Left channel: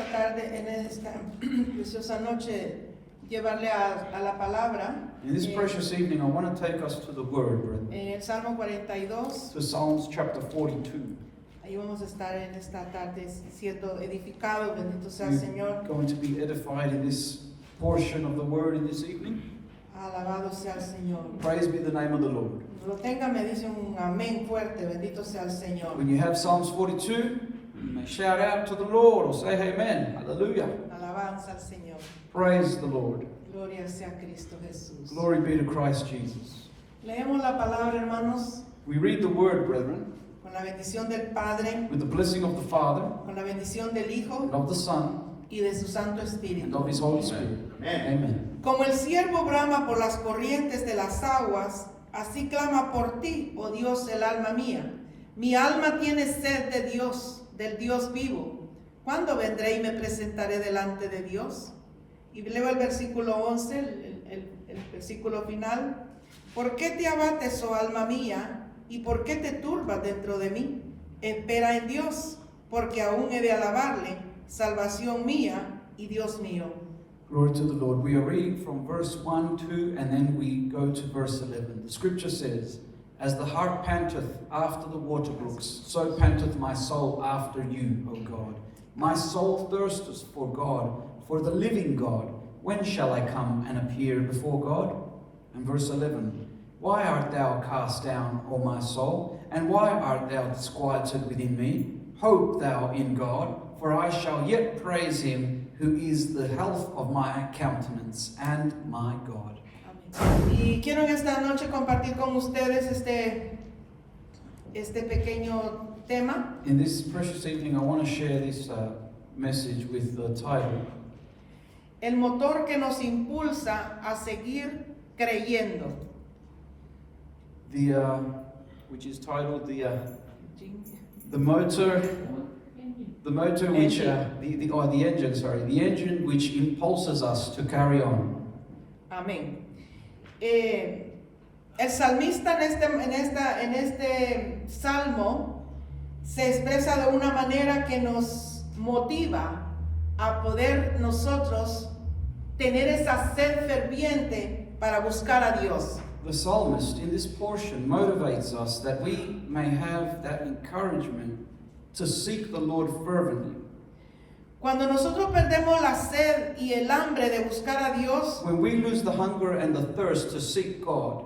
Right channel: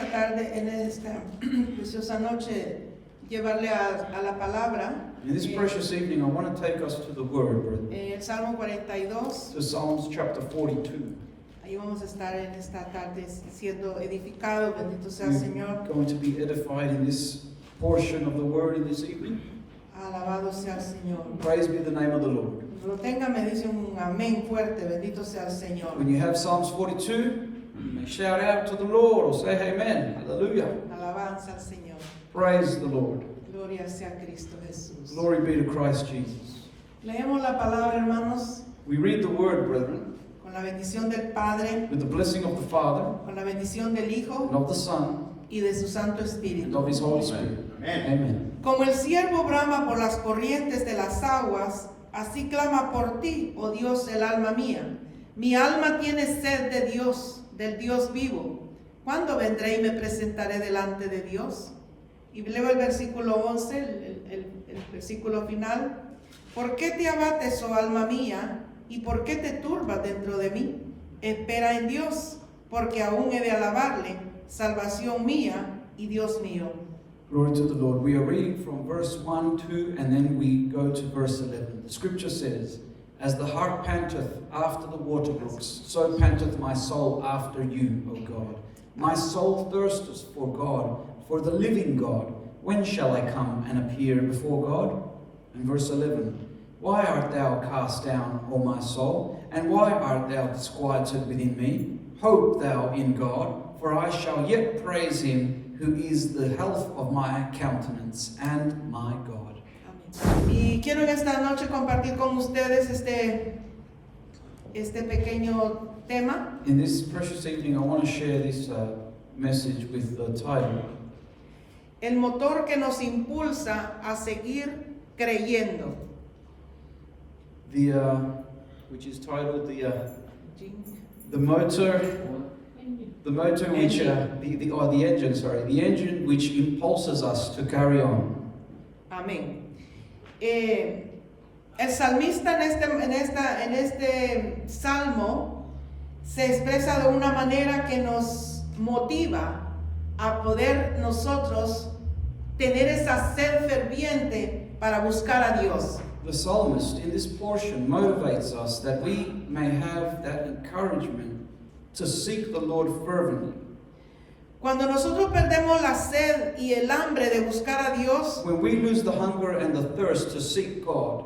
esta tarde, en esta preciosa noche, llevarle a la palabra. In this precious evening, I want to take us to the Word, brethren, En el Salmo 42, to Psalms chapter 42. ahí vamos a estar en esta tarde siendo edificados, bendito sea el Señor. We're going to be edified in this portion of the Word in this evening. Alabado sea el Señor. Praise be the name of the Lord. Lo tenga, me dice un amén fuerte, bendito sea el Señor. When you have Psalms 42, you may shout out to the Lord or say amen. Hallelujah. Alabanza al Señor. Praise the Lord. Gloria sea a Cristo Jesús. Glory be to Christ Jesus. Leemos la palabra, hermanos, We read the Word, brethren, con la bendición del Padre, with the blessing of the Father, con la bendición del and Hijo of the Son, y de su Santo and Espíritu. of His Holy Spirit. Amen. Como el ciervo brama por las corrientes de las aguas, así clama por ti, oh Dios, el alma mía. Mi alma tiene sed de Dios, del Dios vivo. ¿Cuándo vendré y me presentaré delante de Dios? Y leo el versículo 11, el versículo final. ¿Por qué te abates, oh alma mía? ¿Y por qué te turbas dentro de mí? Espera en Dios, porque aún he de alabarle, salvación mía y Dios mío. Glory to the Lord. We are reading from verse 1, 2, and then we go to verse 11. The scripture says, As the hart panteth after the water brooks, so panteth my soul after you, O God. My soul thirsteth for God, for the living God. When shall I come and appear before God? And verse 11, Why art thou cast down, O my soul? And why art thou disquieted within me? Hope thou in God, for I shall yet praise him, who is the health of my countenance and my God. Amén. Y quiero en esta noche compartir con ustedes este pequeño tema. In this precious evening, I want to share this message with the title, El motor que nos impulsa a seguir creyendo. which is titled the motor which the engine which impulses us to carry on. Amén. El salmista en este salmo se expresa de una manera que nos motiva a poder nosotros tener esa sed ferviente para buscar a Dios. The psalmist in this portion motivates us that we may have that encouragement to seek the Lord fervently. Cuando nosotros perdemos la sed y el hambre de buscar a Dios, When we lose the hunger and the thirst to seek God,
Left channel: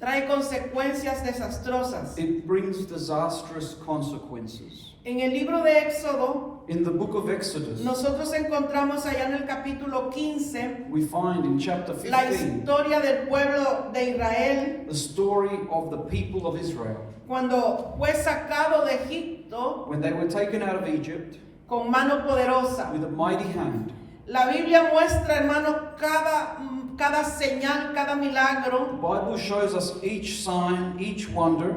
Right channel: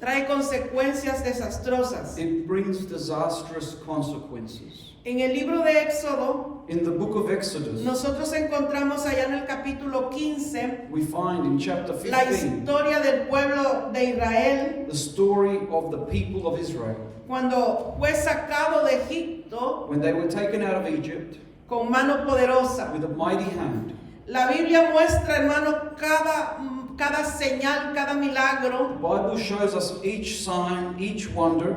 trae consecuencias desastrosas. it brings disastrous consequences. En el libro de Éxodo, In the book of Exodus, nosotros encontramos allá en el capítulo 15 we find in chapter la 15 historia del pueblo de Israel the story of the people of Israel. cuando fue sacado de Egipto When they were taken out of Egypt con mano poderosa. with a mighty hand. La Biblia muestra, hermanos, cada señal, cada milagro, The Bible shows us each sign, each wonder,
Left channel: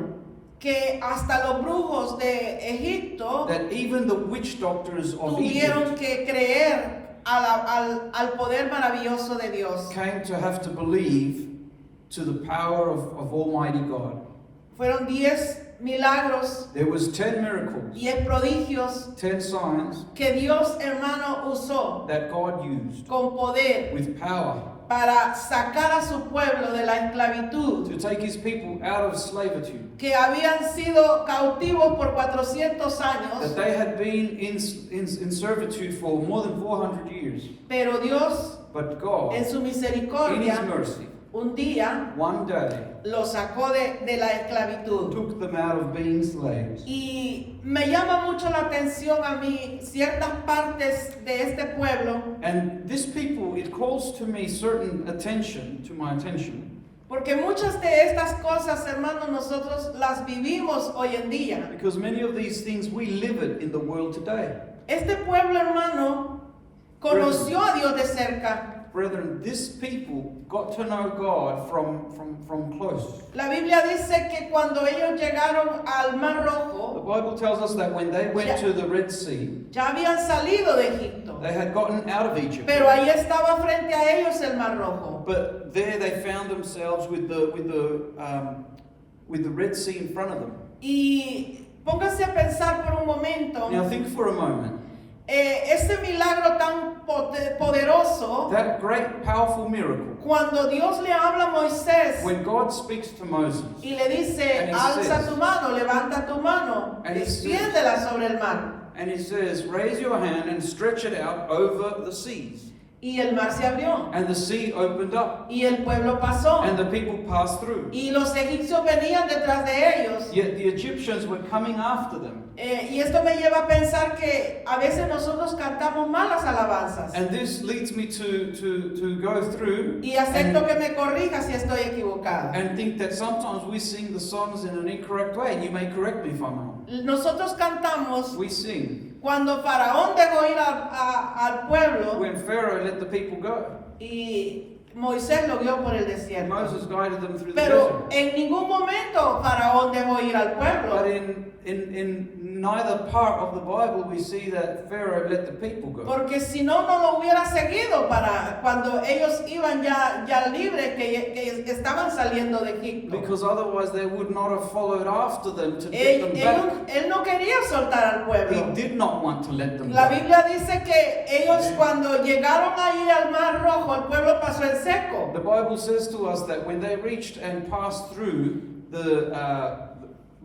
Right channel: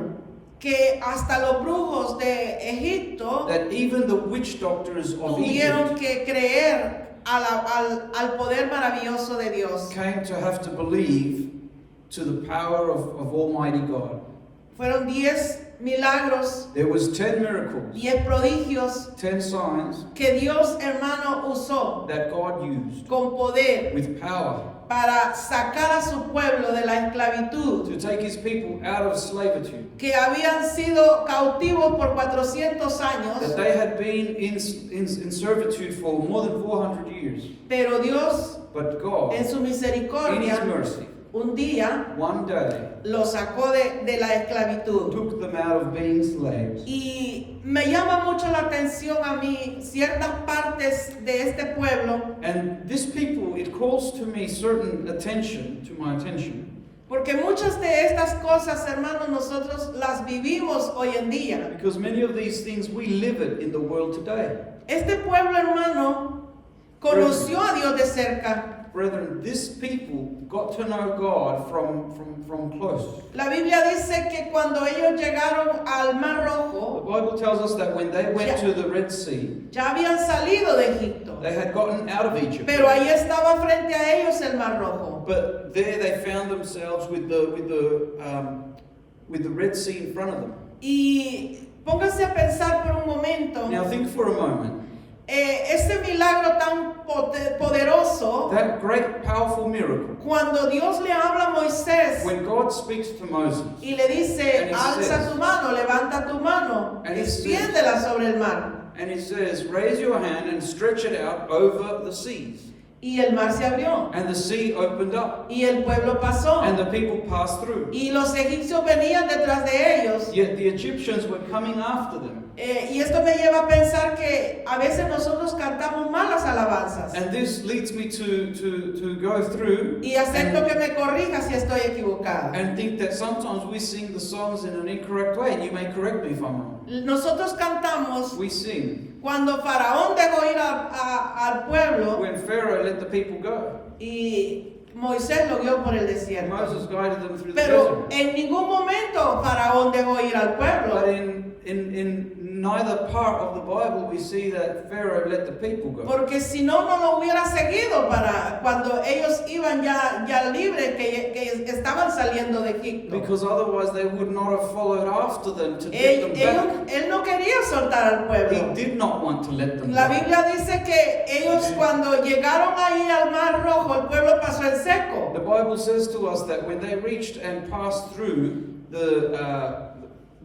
que hasta los brujos de Egipto that even the witch doctors of tuvieron Egypt que creer al poder maravilloso de Dios. came to have to believe to the power of Almighty God. Fueron 10 milagros, There was 10 miracles, 10 prodigios 10 signs que Dios, hermano, usó that God used con poder with power para sacar a su pueblo de la esclavitud, to take his people out of slavery, que habían sido cautivos por 400 that años, they had been in servitude for more than 400 years. pero Dios, But God, en su in His misericordia, mercy, un día one day los sacó de la esclavitud. took them out of being slaves. Y me llama mucho la atención a mí ciertas partes de este pueblo, And this people, it calls to me certain attention, to my attention, porque muchas de estas cosas, hermanos, nosotros las vivimos hoy en día. because many of these things we live it in the world today. Este pueblo, hermano, conoció a Dios de cerca. Brethren, this people got to know God from close. La Biblia dice que cuando ellos llegaron al Mar The Rojo, Bible tells us that when they went to the Red Sea, ya habían salido de Egipto, they had gotten out of Egypt. pero ahí estaba frente a ellos el Mar Rojo. But there they found themselves with the Red Sea in front of them. Y pónganse a pensar por un momento, Now think for a moment. ese milagro tan poderoso, that great powerful miracle, cuando Dios le habla a Moisés when God speaks to Moses y le dice, And he alza says- tu mano, levanta tu mano, And he extiéndela sobre el mar. and he says, raise your hand and stretch it out over the seas. Y el mar se abrió. And the sea opened up Y el pueblo pasó. and the people passed through. Y los egipcios venían detrás de ellos. Yet the Egyptians were coming after them. Y esto me lleva a pensar que a veces nosotros cantamos malas alabanzas. And this leads me to go through Y acepto que me corrija si estoy equivocada. and think that sometimes we sing the songs in an incorrect way. And you may correct me if I'm wrong. Nosotros cantamos We sing cuando Faraón dejó ir al pueblo when Pharaoh let the people go. y Moisés lo guió por el And desierto. Moses guided them through the Pero desert. en ningún momento Faraón dejó ir al pueblo. But in neither part of the Bible we see that Pharaoh let the people go. Porque si no, no lo hubiera seguido para cuando ellos iban ya libres, que estaban saliendo de Egipto. Because otherwise they would not have followed after them to get them back. Él no quería soltar al He pueblo. did not want to let them La go. Biblia dice que ellos cuando llegaron ahí al Mar Rojo, el pueblo pasó en seco. The Bible says to us that when they reached and passed through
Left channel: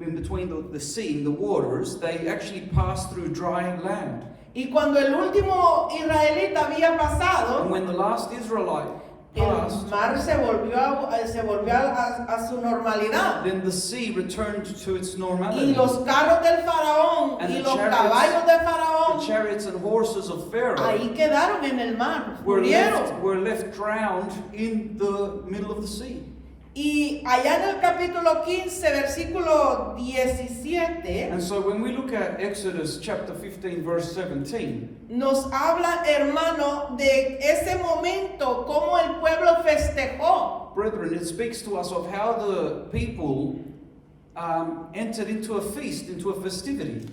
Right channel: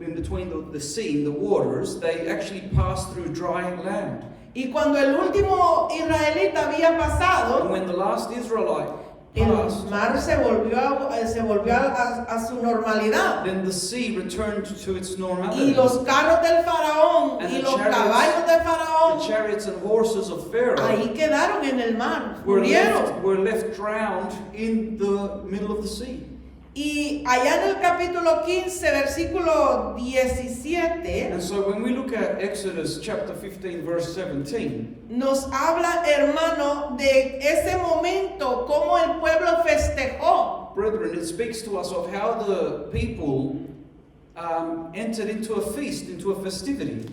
in between the sea, the waters, they actually passed through dry land. Y cuando el último israelita había pasado, And when the last Israelite el passed, mar se volvió a su normalidad. then the sea returned to its normality. Y los carros del faraón And y the los chariots- caballos del The faraón chariots and horses of Pharaoh ahí quedaron en el mar, were murieron. left drowned in the middle of the sea. Y allá en el capítulo 15, versículo 17, And so when we look at Exodus chapter 15 verse 17, nos habla, hermano, de ese momento, cómo el pueblo festejó. brethren, it speaks to us of how the people entered into a feast, into a festivity.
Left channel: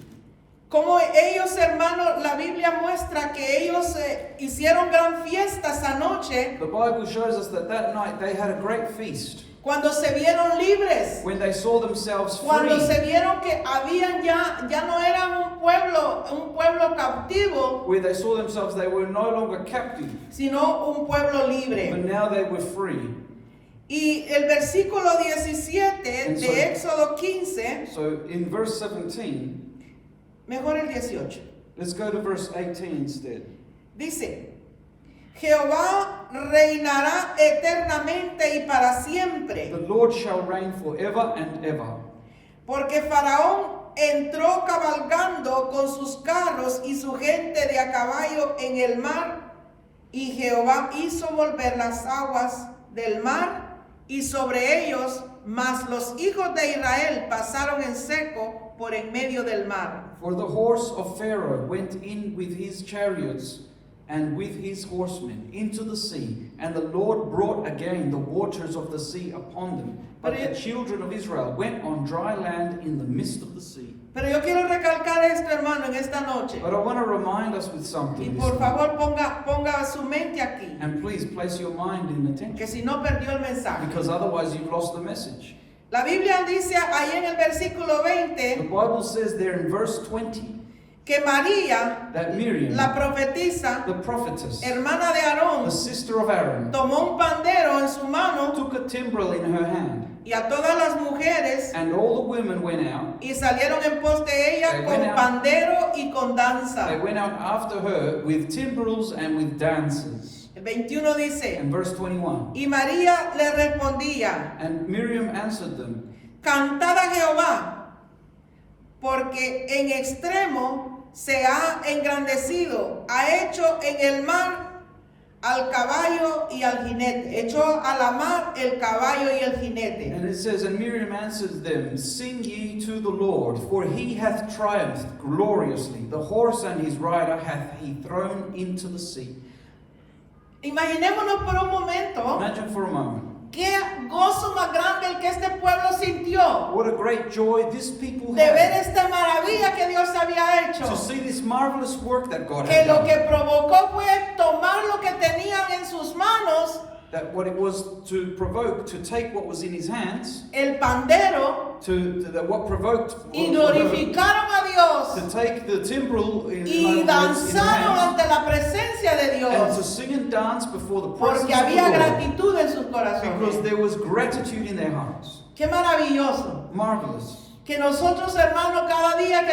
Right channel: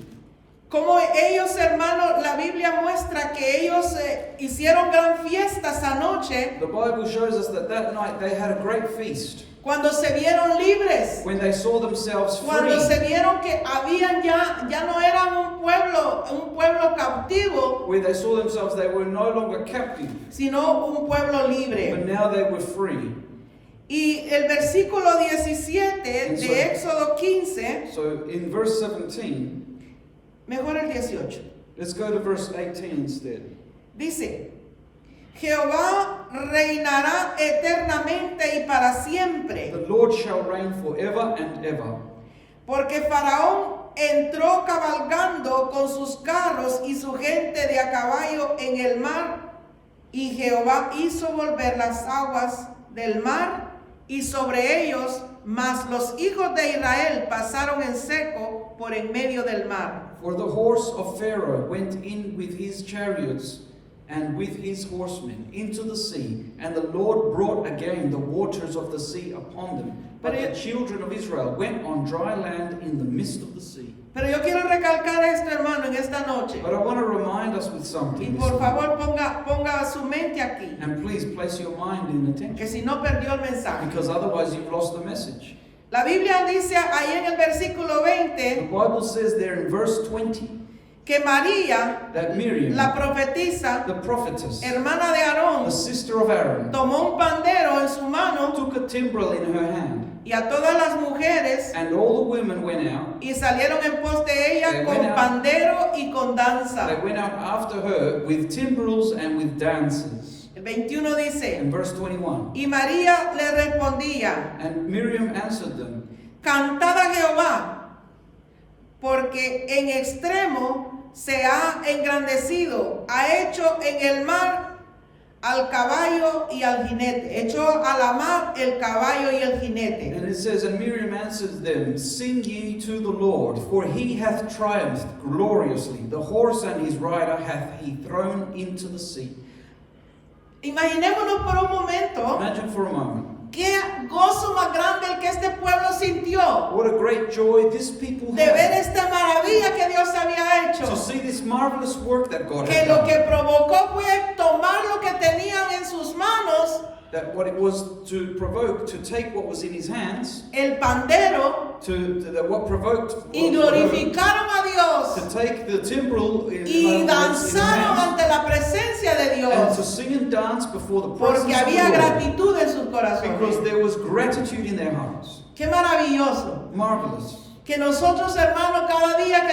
Como ellos, hermano, la Biblia muestra que ellos hicieron gran fiesta esa noche The Bible shows us that that night they had a great feast. cuando se vieron libres. When they saw themselves Cuando free, se vieron que habían ya no eran un pueblo cautivo, where they saw themselves they were no longer captive, sino un pueblo but libre. now they were free. Y el versículo 17 And de so- Éxodo 15, So in verse 17, mejor el 18, let's go to verse 18 instead. dice, Jehová reinará eternamente y para siempre, The Lord shall reign forever and ever. porque Faraón entró cabalgando con sus carros y su gente de a caballo en el mar, y Jehová hizo volver las aguas del mar y sobre ellos, mas los hijos de Israel pasaron en seco por en medio del mar. For the horse of Pharaoh went in with his chariots and with his horsemen into the sea, and the Lord brought again the waters of the sea upon them. But the children of Israel went on dry land in the midst of the sea. Pero yo quiero recalcar esto, hermano, en esta noche. But I want to remind us with Y something. this por morning. favor ponga su mente aquí, And please place your mind in que attention, si no perdió el mensaje. because otherwise you've lost the message. La Biblia dice ahí en el versículo The 20 Bible says there in verse 20 que María, that Miriam, la profetisa, the prophetess, hermana de Aarón, the sister of Aaron, tomó un pandero en su mano took a timbrel in her hand, y a todas las mujeres and all the women went out. y salieron en pos de ella They con went out. pandero y con danza. They went out after her with timbrels and with dances. El 21 dice, In verse 21, y María le respondía, and Miriam answered them, cantad a Jehová, porque en extremo se ha engrandecido, ha hecho en el mar al caballo y al jinete, echó a la mar el caballo y el jinete. and it says, and Miriam answered them, sing ye to the Lord, for he hath triumphed gloriously. The horse and his rider hath he thrown into the sea. Imaginémonos por un momento Imagine for a moment Qué gozo más grande el que este pueblo sintió What a great joy this people de ver had esta maravilla que Dios había hecho. to see this marvelous work that God Que had lo que done. provocó fue tomar lo que tenían en sus manos, That what it was to provoke, to take what was in his hands, el pandero, what provoked, y glorificaron a Dios to take the timbrel in, y in his danzaron hands, ante la presencia de and to Dios, sing and dance before the presence porque of había the Lord, gratitud en sus because corazones. there was gratitude in their hearts. Qué maravilloso. Marvelous. Que nosotros, hermanos, cada día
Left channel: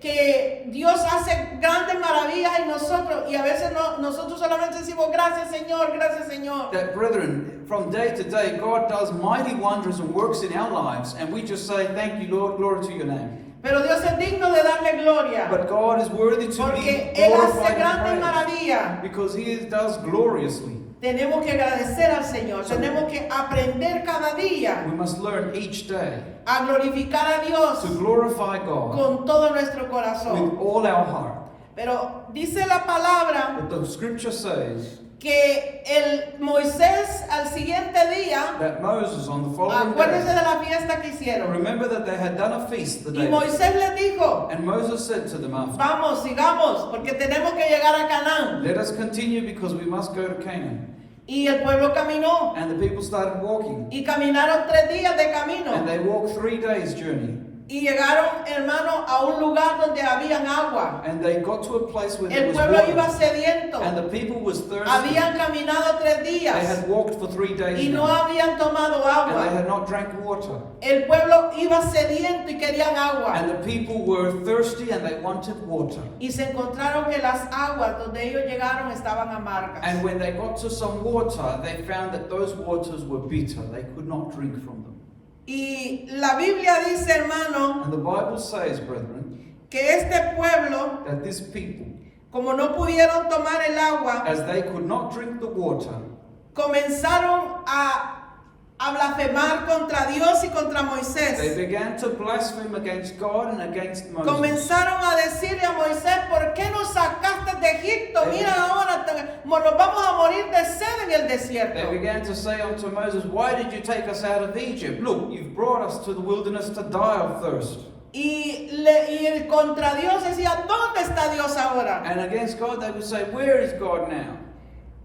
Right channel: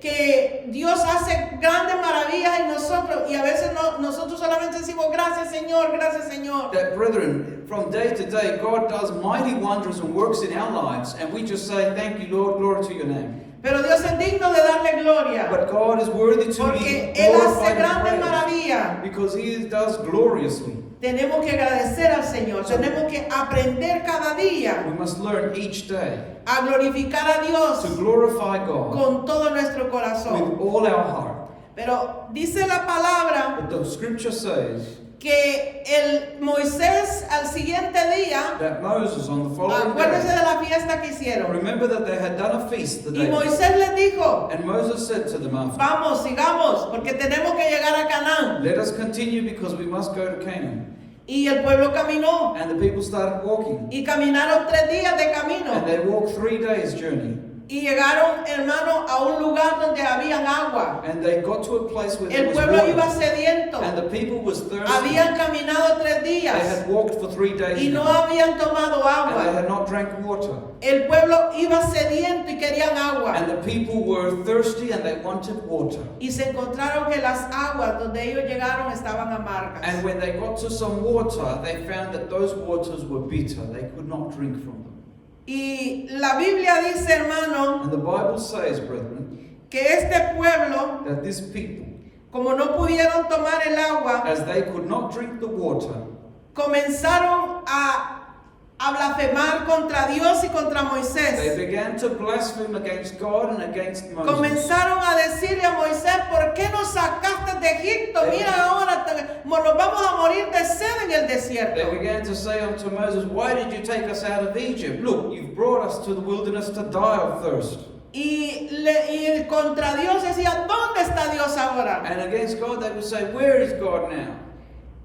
que Dios hace grandes maravillas en nosotros, y a veces nosotros solamente decimos gracias Señor, gracias Señor. That, brethren, from day to day, God does mighty wonders and works in our lives, and we just say, thank you, Lord, glory to your name. Pero Dios es digno de darle gloria, But God is worthy to porque be Él hace glorified grandes and praised, maravillas. because He does gloriously. Tenemos que agradecer al Señor, tenemos que aprender cada día We must learn each day a glorificar a Dios to glorify God con todo nuestro with corazón. all our heart. Pero dice la palabra But the scripture says que el Moisés al siguiente día, that Moses on the following acuérdense day, de la fiesta que hicieron, remember that they had done a feast the y day Moisés les dijo, and Moses said to them after, vamos, sigamos, porque tenemos que llegar a Canaán. let us continue because we must go to Canaan. Y el pueblo caminó, And the people started walking. y caminaron 3 días de camino, And they walked 3 days' journey. y llegaron, hermano, a un lugar donde habían agua. And they got to a place where there El was pueblo water. iba sediento, And the people was thirsty. habían caminado 3 They días, had walked for 3 days. y no habían tomado And they agua. had not drank water. El pueblo iba sediento y querían agua. And the people were thirsty and they wanted water. Y se encontraron que las aguas donde ellos llegaron estaban amargas. And when they got to some water, they found that those waters were bitter. They could not drink from them. Y la Biblia dice, hermano, And the Bible says, brethren, que este pueblo, that these people, como no pudieron tomar el agua, as they could not drink the water, comenzaron a blasfemar contra Dios y contra they Moisés. began to blaspheme against God and against Moses. Comenzaron a decirle a Moisés, ¿por qué nos sacaste de Egipto? Mira ahora, nos vamos a morir de sed en el They desierto. began to say unto Moses, why did you take us out of Egypt? Look, you've brought us to the wilderness to die of thirst. Y contra Dios decía, ¿dónde está Dios ahora? And against God they would say, where is God now?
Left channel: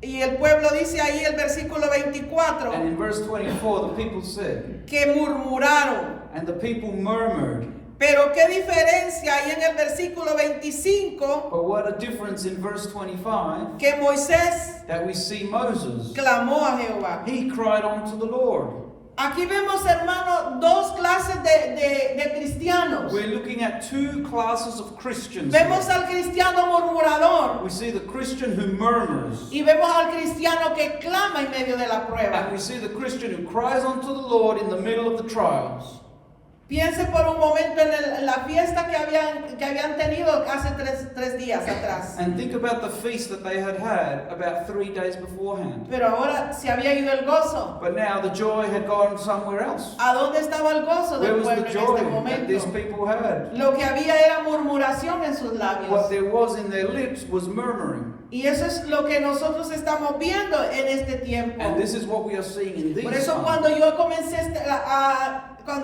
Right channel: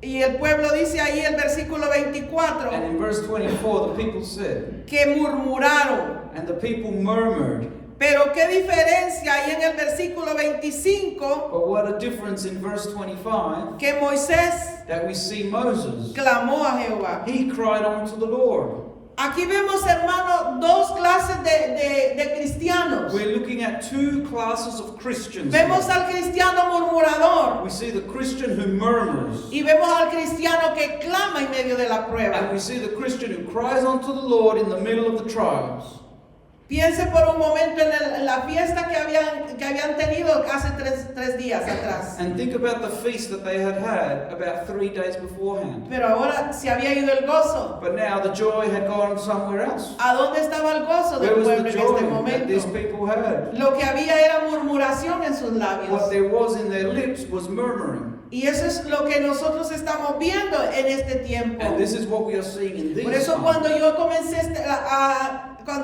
Y el pueblo dice ahí el versículo 24, And in verse 24 the people said, que murmuraron. and the people murmured. Pero qué diferencia hay en el versículo 25, But what a difference in verse 25, que Moisés that we see Moses, clamó a Jehová. he cried unto the Lord. Aquí vemos, hermano, 2 clases de cristianos. We're looking at 2 classes of Christians. Vemos here. al cristiano murmurador We see the Christian who murmurs. y vemos al cristiano que clama en medio de la And prueba. we see the Christian who cries unto the Lord in the middle of the trials. Piense por un momento en la fiesta que habían tenido hace 3 días atrás. And think about the feast that they had about 3 days beforehand. Pero ahora se había ido el gozo. But now the joy had gone somewhere else. ¿A dónde estaba el gozo Where del was pueblo the en joy este that these momento? people had? Lo que había era murmuración en sus labios. What there was in their lips was murmuring. Y eso es lo que nosotros estamos viendo en este tiempo. And this is what we are seeing in these Por eso times. cuando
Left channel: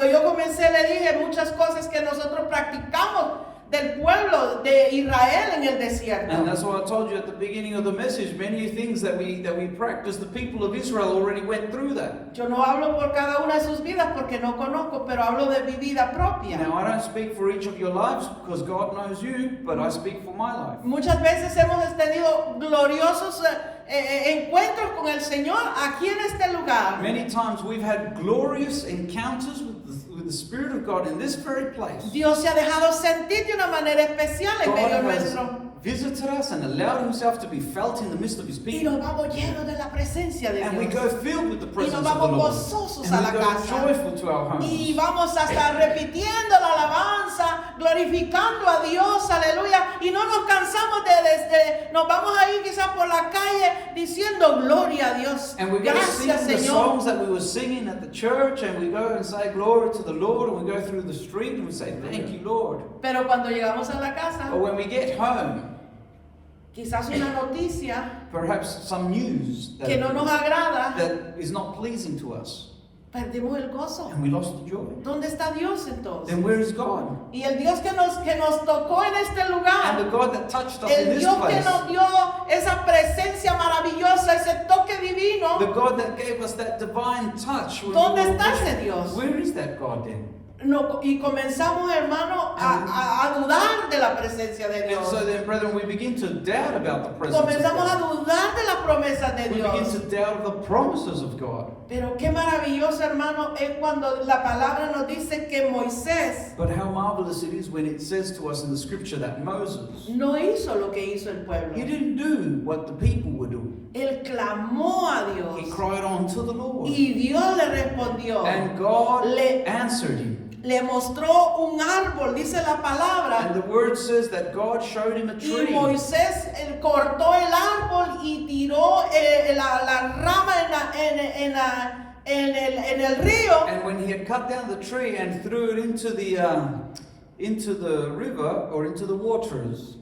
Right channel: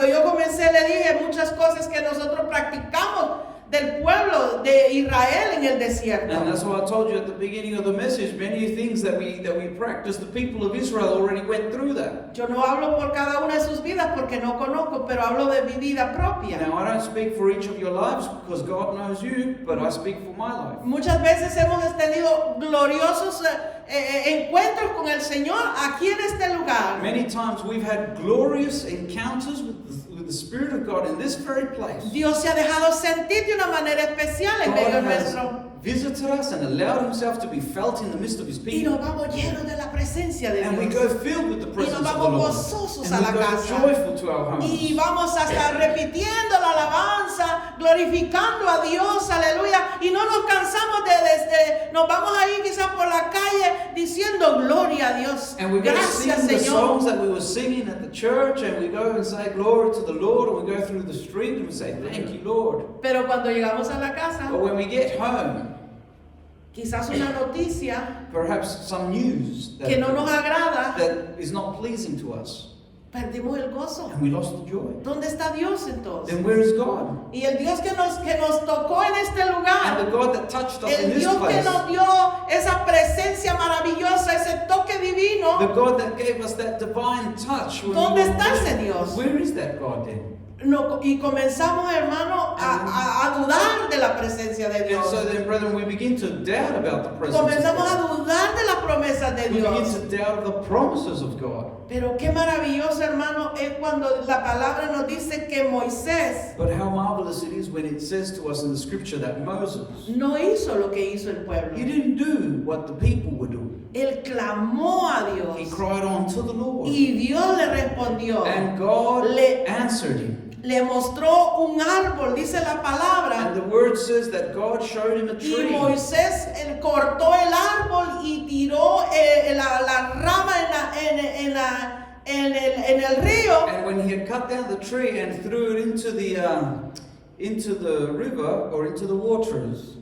yo comencé le dije muchas cosas que nosotros practicamos del pueblo de Israel en el desierto. And that's why I told you at the beginning of the message, many things that we practice, the people of Israel already went through that. Yo no hablo por cada una de sus vidas porque no conozco, pero hablo de mi vida propia. Now, I don't speak for each of your lives because God knows you, but I speak for my life. Muchas veces hemos tenido gloriosos encuentros con el Señor aquí en este lugar. Many times we've had glorious encounters with the Spirit of God in this very place. Dios se ha dejado sentir de una manera especial en medio God has nuestro. visited us and allowed Himself to be felt in the midst of His Y people. nos vamos llenos de la presencia de And we Dios. go filled with the Y presence nos of the vamos Lord. gozosos And a we la go casa. joyful to our homes. Y vamos a estar repitiendo la alabanza, glorificando a Dios, aleluya. Y no nos cansamos nos vamos a ir quizás por la calle diciendo gloria a Dios. And we go Gracias, sing the Señor. songs that we were singing at the church, and we go and say glory to the Lord, and we go through the street and we say thank you, Lord. Pero cuando llegamos a la casa, But when we get home, quizás una noticia perhaps some news que no nos agrada, that is not pleasing to us, perdimos el gozo. and we lost the joy. ¿Dónde está Dios entonces? Then where is God? Y el Dios que nos tocó en este And lugar, the God that touched us in el this Dios que place, nos dio esa presencia maravillosa, ese toque the divino, God that gave us that divine touch. when ¿dónde we were está with ese Him. Dios? Where is that God then? No, y comenzamos, hermano, a dudar de la presencia de And Dios. so then, brethren, we begin to doubt about the presence Comenzamos a of God. dudar de las promesas de We begin Dios. to doubt the promises of God. Pero qué maravilloso, hermano, es cuando la palabra nos dice que Moisés But how marvelous it is when it says to us in the scripture that Moses, no hizo lo que hizo el pueblo. he didn't do what the people were doing. Él clamó a He Dios cried on to the Lord. y Dios le respondió. And God Le- answered him. Le mostró un árbol, dice la And palabra. the word says that God showed him a Y tree. Moisés cortó el árbol y tiró la rama en el río. And when he had cut down the tree and threw it into the river or into the waters,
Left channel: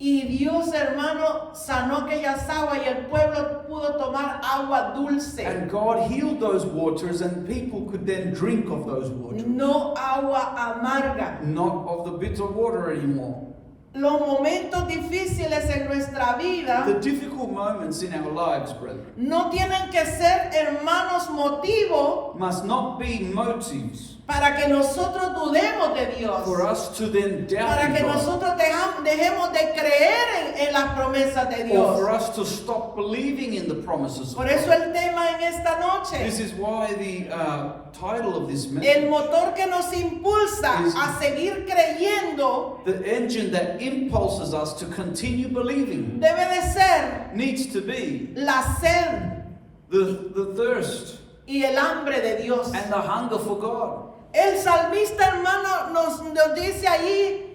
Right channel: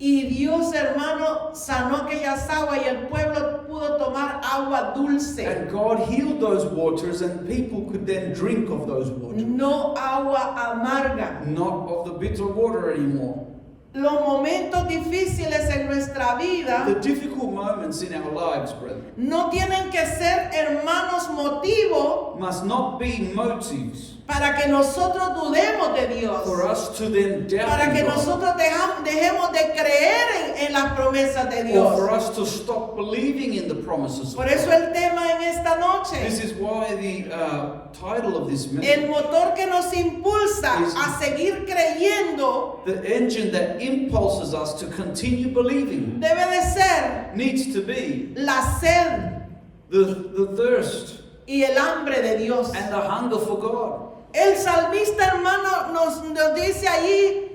Y Dios, hermano, sanó aquellas aguas y el pueblo pudo tomar agua dulce. and God healed those waters, and people could then drink of those waters, No agua amarga. not of the bitter water anymore. Los momentos difíciles en nuestra vida The difficult moments in our lives, brethren, no tienen que ser, hermanos, motivo must not be motives para que nosotros dudemos de Dios, for us to then doubt para que in God, nosotros dejemos de creer en las promesas de or for Dios. us to stop believing in the promises of Por God. eso el tema en esta This noche, is why the title of this el message, motor que nos impulsa is- a seguir creyendo, the engine that impulses us to continue believing, debe de ser needs to be la sed the thirst y el hambre de Dios. and the hunger for God. El salmista, hermano, nos dice allí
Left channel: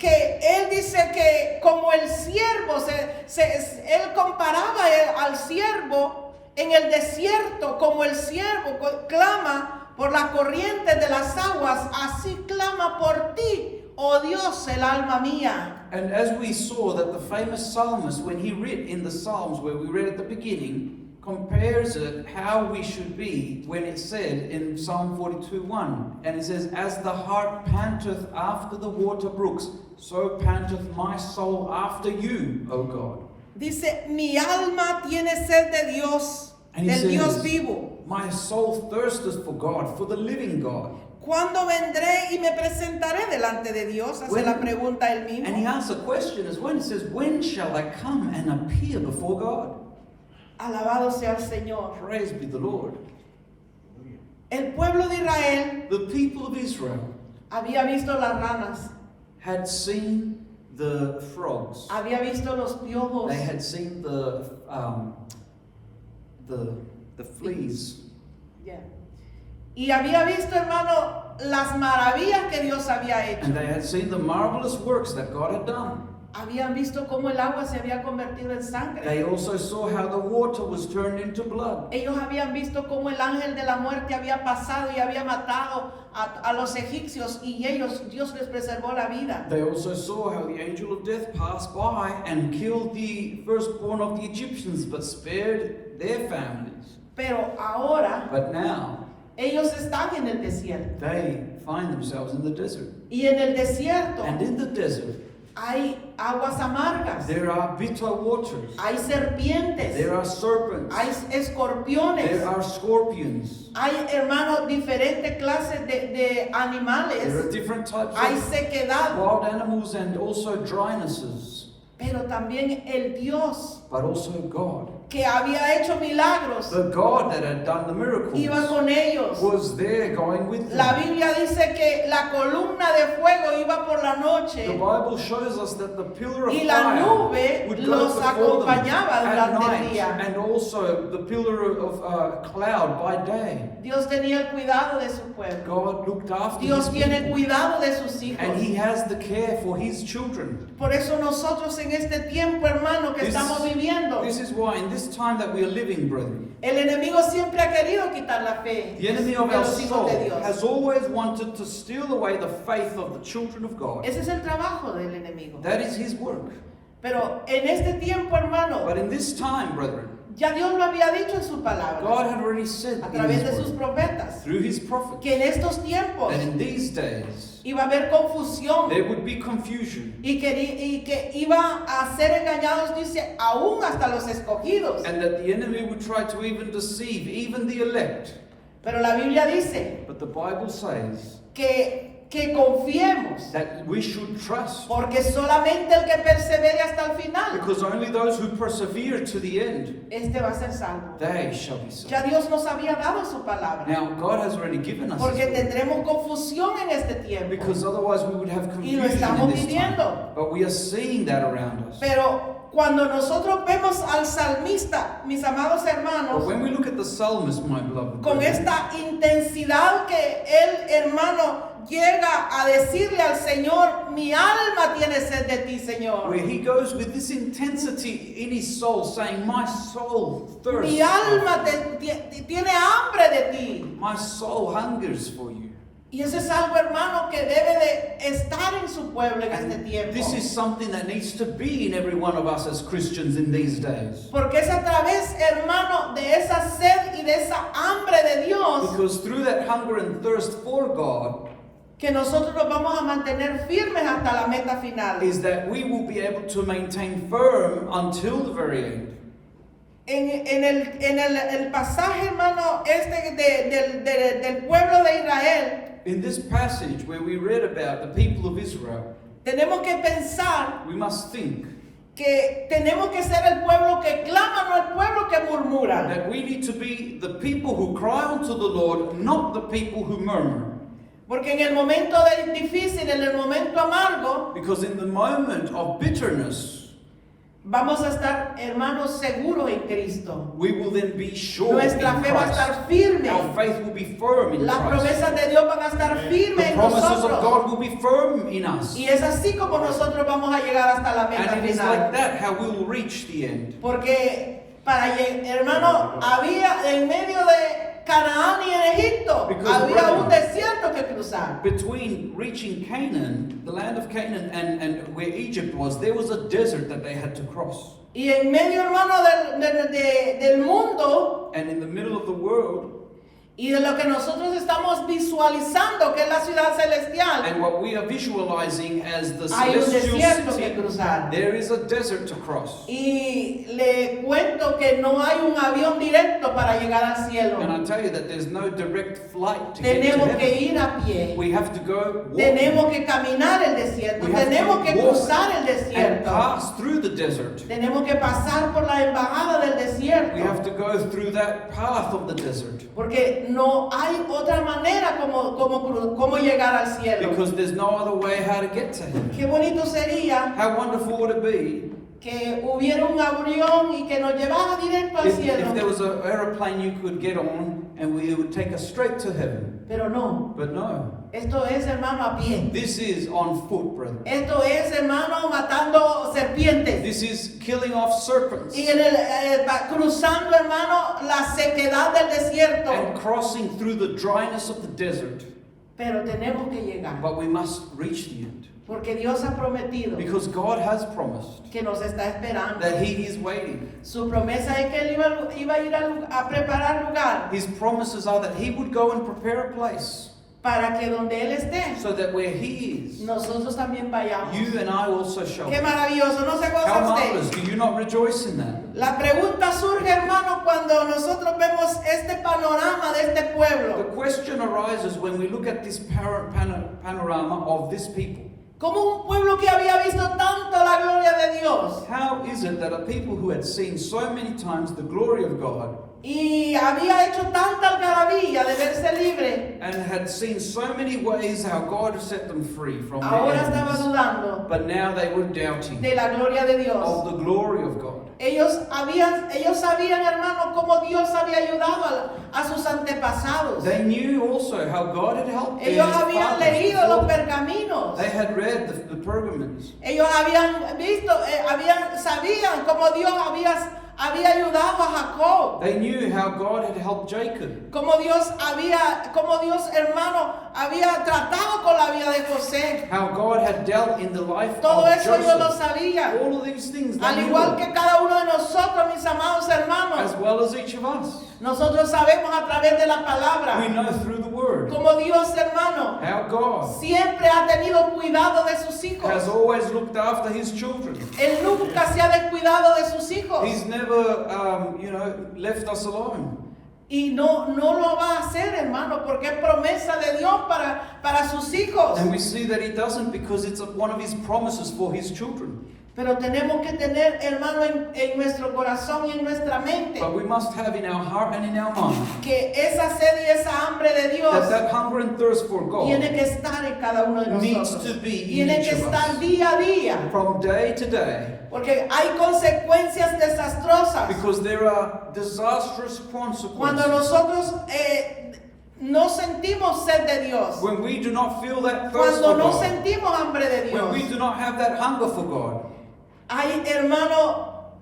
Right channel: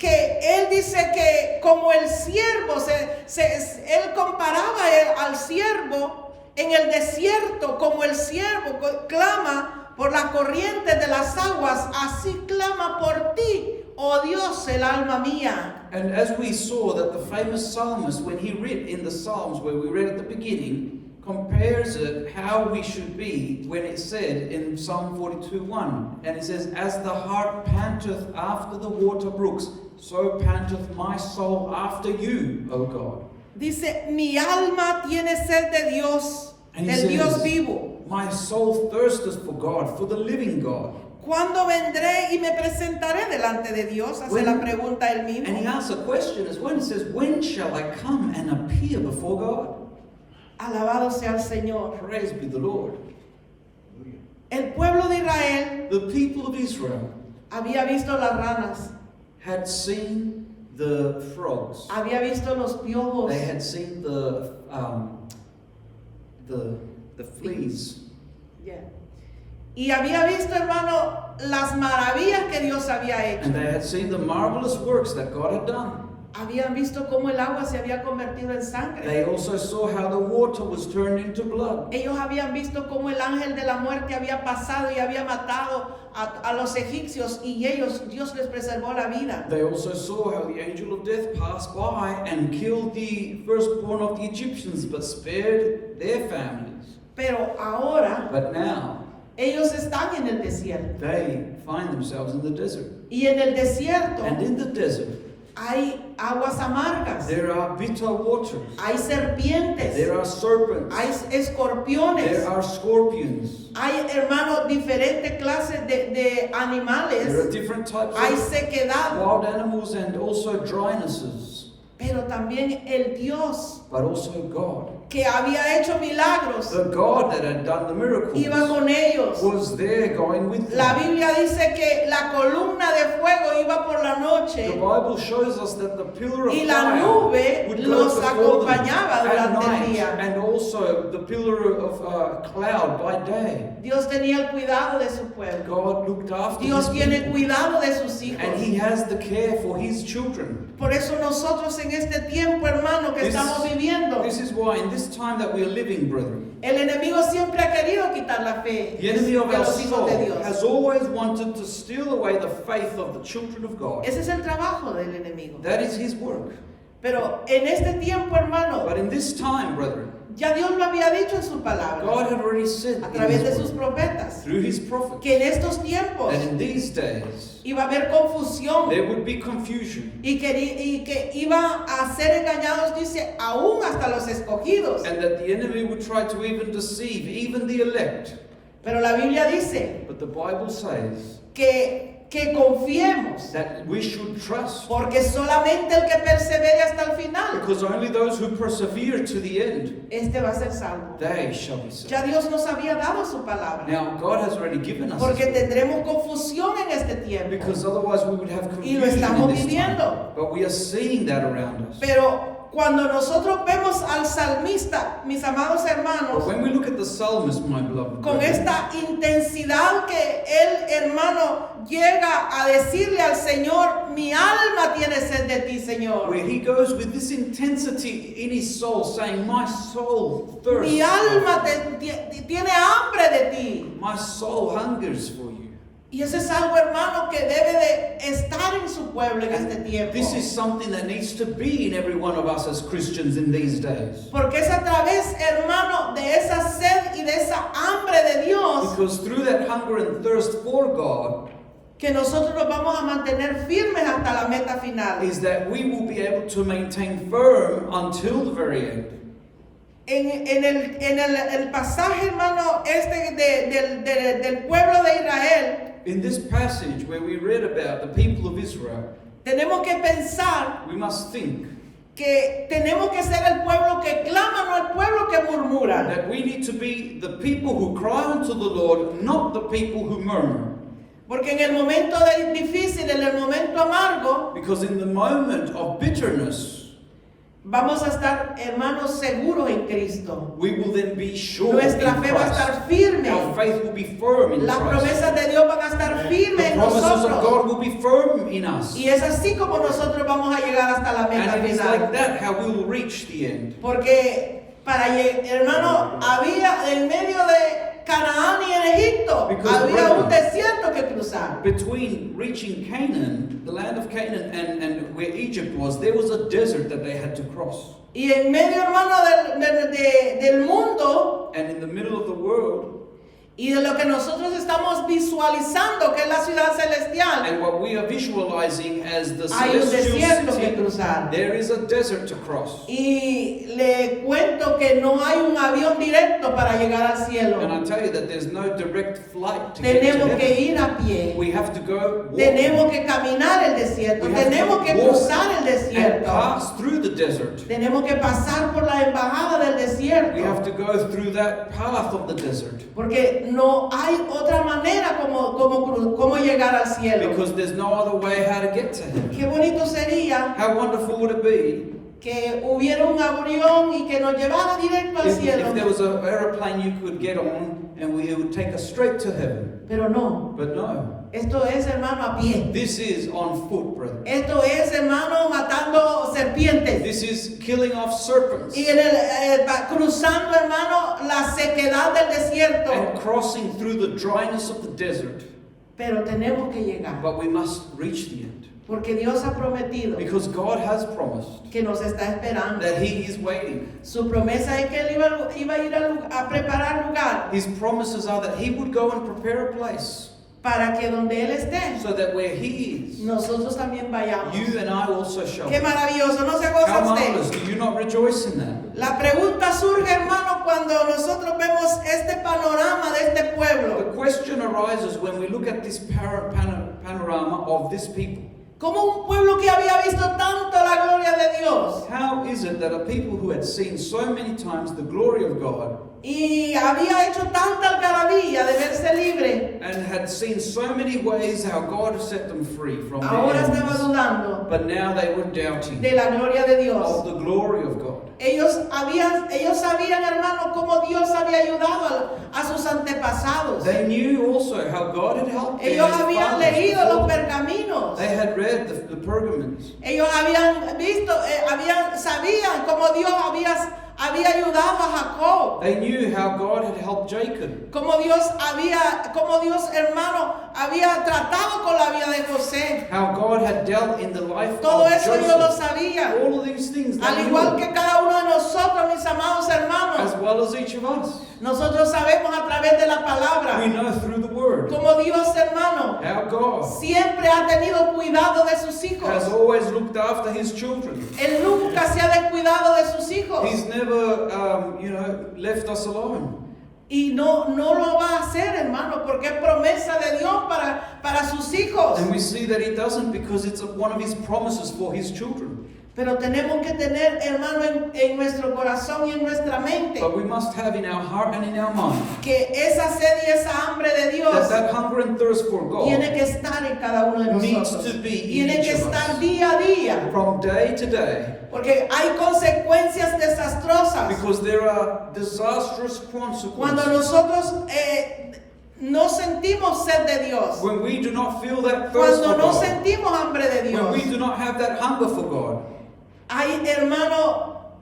que él dice que como el siervo, él comparaba al siervo en el desierto, como el siervo clama por las corrientes de las aguas, así clama por ti, oh Dios, el alma mía. And as we saw that the famous psalmist, when he read in the Psalms where we read at the beginning, compares it how we should be when it said in Psalm 42:1, and it says, "As the hart panteth after the water brooks, so panteth my soul after you, O God." Dice, mi alma tiene sed de Dios, And he del Dios says, vivo. "My soul thirsteth for God, for the living God." ¿Cuándo vendré y me presentaré delante de Dios? Hace When- la pregunta él And he mismo. asks a question as well. He says, "When shall I come and appear before God?" Alabado sea el Señor. Praise be the Lord. El pueblo de Israel The people of Israel había visto las ranas, had seen the frogs. había visto los piojos, They had seen the fleas. yeah, y había visto, hermano, las maravillas que Dios había hecho. And they had seen the marvelous works that God had done. Habían visto cómo el agua se había convertido en sangre. They also saw how the water was turned into blood. Ellos habían visto cómo el ángel de la muerte había pasado y había matado a los egipcios y Dios les preservó la vida. They also saw how the angel of death passed by and killed the firstborn of the Egyptians, but spared their families. Pero ahora But now ellos están en el desierto. they find themselves in the desert. Y en el desierto And in the desert, hay aguas amargas, there are bitter waters. hay serpientes, There are serpents. hay escorpiones, There are scorpions. hay, hermanos, diferentes clases de There are animales, different types hay of sequedad, wild animals and also drynesses. pero también el Dios But also God. que había hecho milagros The God that had done the iba miracles con ellos. was there going with La them. Biblia dice que la columna de fuego iba por la The noche Bible shows us that the pillar of y la fire nube would go los before them acompañaba at durante el night, día. and also the pillar of cloud by day. Dios tenía el cuidado de su pueblo. God looked after Dios his tiene people, cuidado de sus hijos. and He has the care for His children. Por eso nosotros en este tiempo, hermano, que This- estamos viviendo, This is why in this time that we are living, brethren, el enemigo siempre ha querido quitar la fe the enemy of de our los hijos soul de Dios. has always wanted to steal away the faith of the children of God. Ese es el trabajo del enemigo. That is his work. Pero en este tiempo, hermano, But in this time, brethren, ya Dios lo había dicho en su palabra, God had already said a in través de His sus word, profetas, through His prophets, que en estos tiempos that in these days iba a haber confusión there would be confusion, y que iba a ser engañados, dice, aún hasta los escogidos. and that the enemy would try to even deceive even the elect. Pero la Biblia dice But the Bible says que confiemos, that we should trust, porque solamente el que persevere hasta el final, because only those who persevere to the end, este va a ser salvo. they shall be saved. Ya Dios nos había dado su palabra, Now, God has already given us porque His word, tendremos confusión en este tiempo. because otherwise we would have Y lo confusion estamos in this time. viviendo. But we are seeing that around us. Pero cuando nosotros vemos al salmista, mis amados But hermanos, when we look at the psalmist, my beloved, con brethren, esta intensidad que el hermano llega a decirle al Señor, mi alma tiene sed de ti, Señor. where he goes with this intensity in his soul, saying, my soul thirsts, Mi alma tiene hambre de ti. my soul hungers for you. Y eso es algo, hermano, que debe de estar en su pueblo en este tiempo. This is something that needs to be in every one of us as Christians in these days. Porque es a través, hermano, de esa sed y de esa hambre de Dios Because through that hunger and thirst for God que nosotros nos vamos a mantener firmes hasta la meta final. is that we will be able to maintain firm until the very end. En el pasaje, hermano, del pueblo de Israel, In this passage where we read about the people of Israel, tenemos que pensar we must think que tenemos que ser el pueblo que clama, no el pueblo que murmura. that we need to be the people who cry unto the Lord, not the people who murmur. Porque en el momento difícil, en el momento amargo, Because in the moment of bitterness, vamos a estar, hermanos, seguros en Cristo. we will then be sure Nuestra in fe va a Christ. estar firme. Our faith will be firm in Las Christ. promesas de Dios van a estar firmes The en promises of nosotros. God will be firm in us. Y es así como nosotros vamos a llegar hasta la meta And it is like final. that how we will reach the end. Porque hermano, había en medio de Canaán y en Egipto, Because, había un brethren, desierto que cruzar. Between reaching Canaan, the land of Canaan, and where Egypt was, there was a desert that they had to cross. Y en medio, hermano, del mundo And in the middle of the world, y de lo que nosotros estamos visualizando, que es la ciudad celestial, and what we are visualizing as the hay un celestial desierto que city, cruzar. there is a desert to cross. Y le cuento que no hay un avión directo para llegar al cielo. And I tell you that there's no direct flight to get to Tenemos que heaven. ir a pie. We have to go walk Tenemos que caminar el desierto. We have to Tenemos que walk cruzar el and desierto. pass through the desert. Tenemos que pasar por la embajada del We have desierto. to go through that path of the desert. Porque no hay otra manera como llegar al cielo. Because there's no other way how to get to him. Qué bonito sería How wonderful would it be que hubiera un avión y que nos llevara directo al if cielo. there was an aeroplane you could get on and it would take us straight to heaven. Pero no. But no. Esto es, hermano, a pie. This is on foot, brother. Esto es, hermano, matando serpientes. This is killing off serpents Y cruzando, hermano, la sequedad del desierto. and crossing through the dryness of the desert. Pero tenemos que llegar. But we must reach the end. Porque Dios ha prometido Because God has promised que nos está esperando. that He is waiting. Su promesa es que Él iba a ir a preparar lugar His promises are that He would go and prepare a place para que donde Él esté, so that where He is, nosotros también vayamos. you and I also shall Qué be. maravilloso, ¿no se goza How marvelous. usted? Do you not rejoice in that? La pregunta surge, hermano, cuando nosotros vemos este panorama de este The pueblo. question arises when we look at this panorama of this people. Como un pueblo que había visto tanto la gloria de Dios How is it that a people who had seen so many times the glory of God y había hecho tanta algarabía de verse libre, and had seen so many ways how God has set them free from their ahora estaba enemies, dudando but now they were doubting de la gloria de Dios? of the glory of God? Ellos sabían, hermano, cómo Dios había ayudado a sus antepasados. They knew also how God had helped them. Ellos habían leído los pergaminos. They had read the pergaments. Ellos habían visto, sabían cómo Dios había ayudado a Jacob. They knew how God had helped Jacob. Como Dios, hermano, había tratado con la vida de José. How God had dealt in the life Todo of eso yo lo Joseph. sabía. All of these things, Al they igual knew, que cada uno de nosotros, mis amados hermanos, as well as each of us. nosotros sabemos a través de la palabra We know through the Word como Dios, hermano, how God siempre ha tenido cuidado de sus hijos. has always looked after His children. Él nunca se ha descuidado de sus hijos. He's never, left us alone. Y no lo va a hacer, hermano, porque es promesa de Dios para sus hijos. And we see that He doesn't because it's one of His promises for His children. Pero tenemos que tener, hermano, en nuestro corazón y en nuestra mente But we must have in our heart and in our mind que esa sed y esa hambre de Dios that hunger and thirst for God tiene que estar en cada uno de needs nosotros. to be in Tiene que each of estar us. día a día. from day to day, Porque hay consecuencias desastrosas because there are disastrous cuando consequences nosotros no sentimos sed de Dios. when we do not feel that thirst Cuando for no God, sentimos hambre de when we Dios. do not have that hunger for God. Hay, hermano,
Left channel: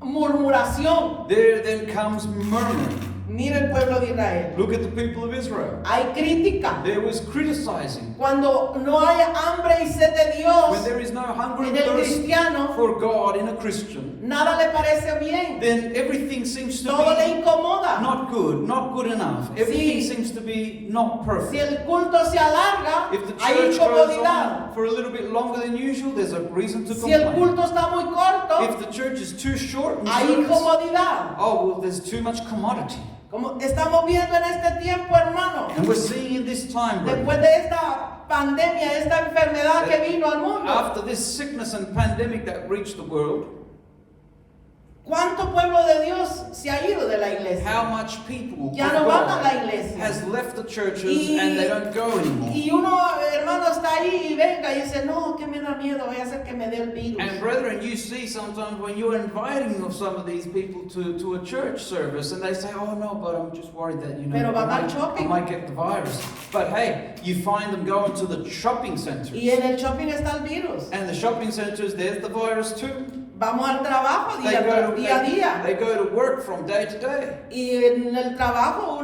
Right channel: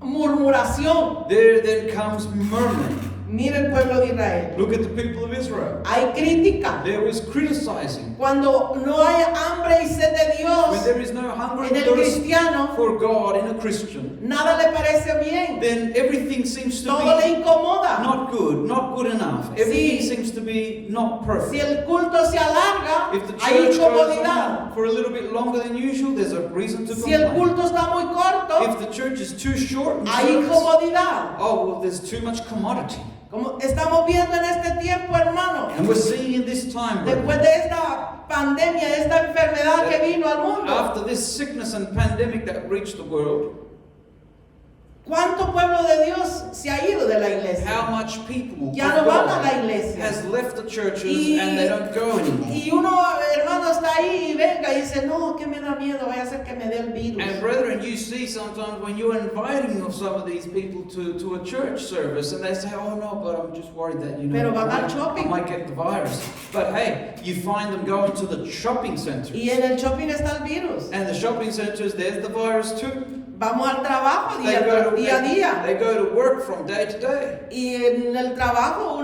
murmuración. There then comes murmuring. Mira el pueblo de Israel. Look at the people of Israel. Hay crítica. There is criticizing. Cuando no hay hambre y sed de When Dios there is no hunger en and el thirst cristiano, for God in a Christian, nada le parece bien. then everything seems to Todo le be incomoda. not good enough. Everything Sí. seems to be not Si perfect. el culto se alarga, If the hay church goes incomodidad. on for a little bit longer than usual, there's a reason to Si el complain. culto está muy corto, If the church is too short, in hay service, incomodidad. oh well, there's too much commodity. Como estamos viendo en este tiempo, hermano, And we're seeing in this time, brethren, después de esta pandemia, esta enfermedad que vino al mundo, after this sickness and pandemic that reached the world, ¿cuánto pueblo de Dios se ha ido de la iglesia? how much people Ya of no van a God la iglesia. has left the churches Y, and they don't go anymore. y uno, hermano, está ahí y venga y dice, no, que me da miedo, vaya a ser que me dé el virus. And brethren, you see sometimes when you're inviting some of these people to a church service and they say, oh no, but I'm just worried that, Pero van I al might, shopping. I might get the virus. But hey, you find them going to the shopping centers. Y en el shopping está el virus. And the shopping centers, there's the virus too. Vamos al trabajo They día go a día. they go to work from day to day. Y en el trabajo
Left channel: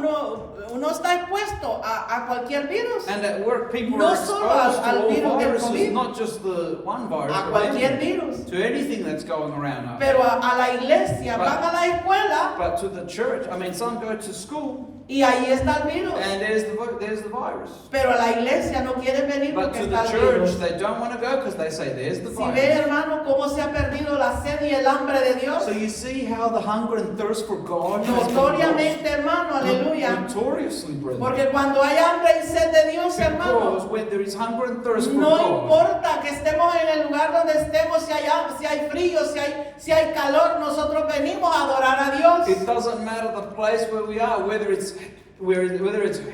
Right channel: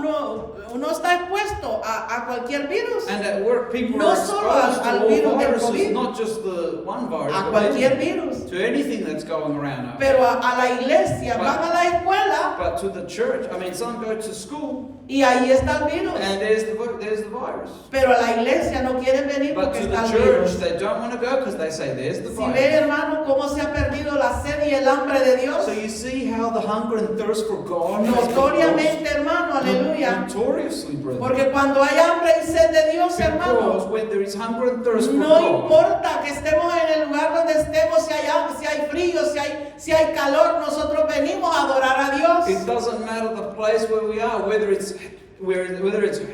uno está expuesto a cualquier virus. And at work, people No are solo exposed al to all virus del viruses, COVID. not just the one virus, A but cualquier anything, virus. to anything that's going around out there. Pero a la iglesia, van a la escuela But to the church, I mean, some go to school y ahí está el virus. and there's the virus. Pero a la iglesia no quieren venir But porque to está the el church, virus. they don't want to go because they say there's the Si ve, virus. hermano, cómo se ha perdido la sed y el hambre de Dios. So you see how the hunger and thirst for God has been Notoriamente, hermano, lost. aleluya. Notoriously, brethren. Porque cuando hay hambre y sed de Dios, Because hermano, when there is hunger and thirst for no God, importa que estemos en el lugar donde estemos, si hay frío, si hay calor, nosotros venimos a adorar a Dios. it doesn't matter the place where we are, whether it's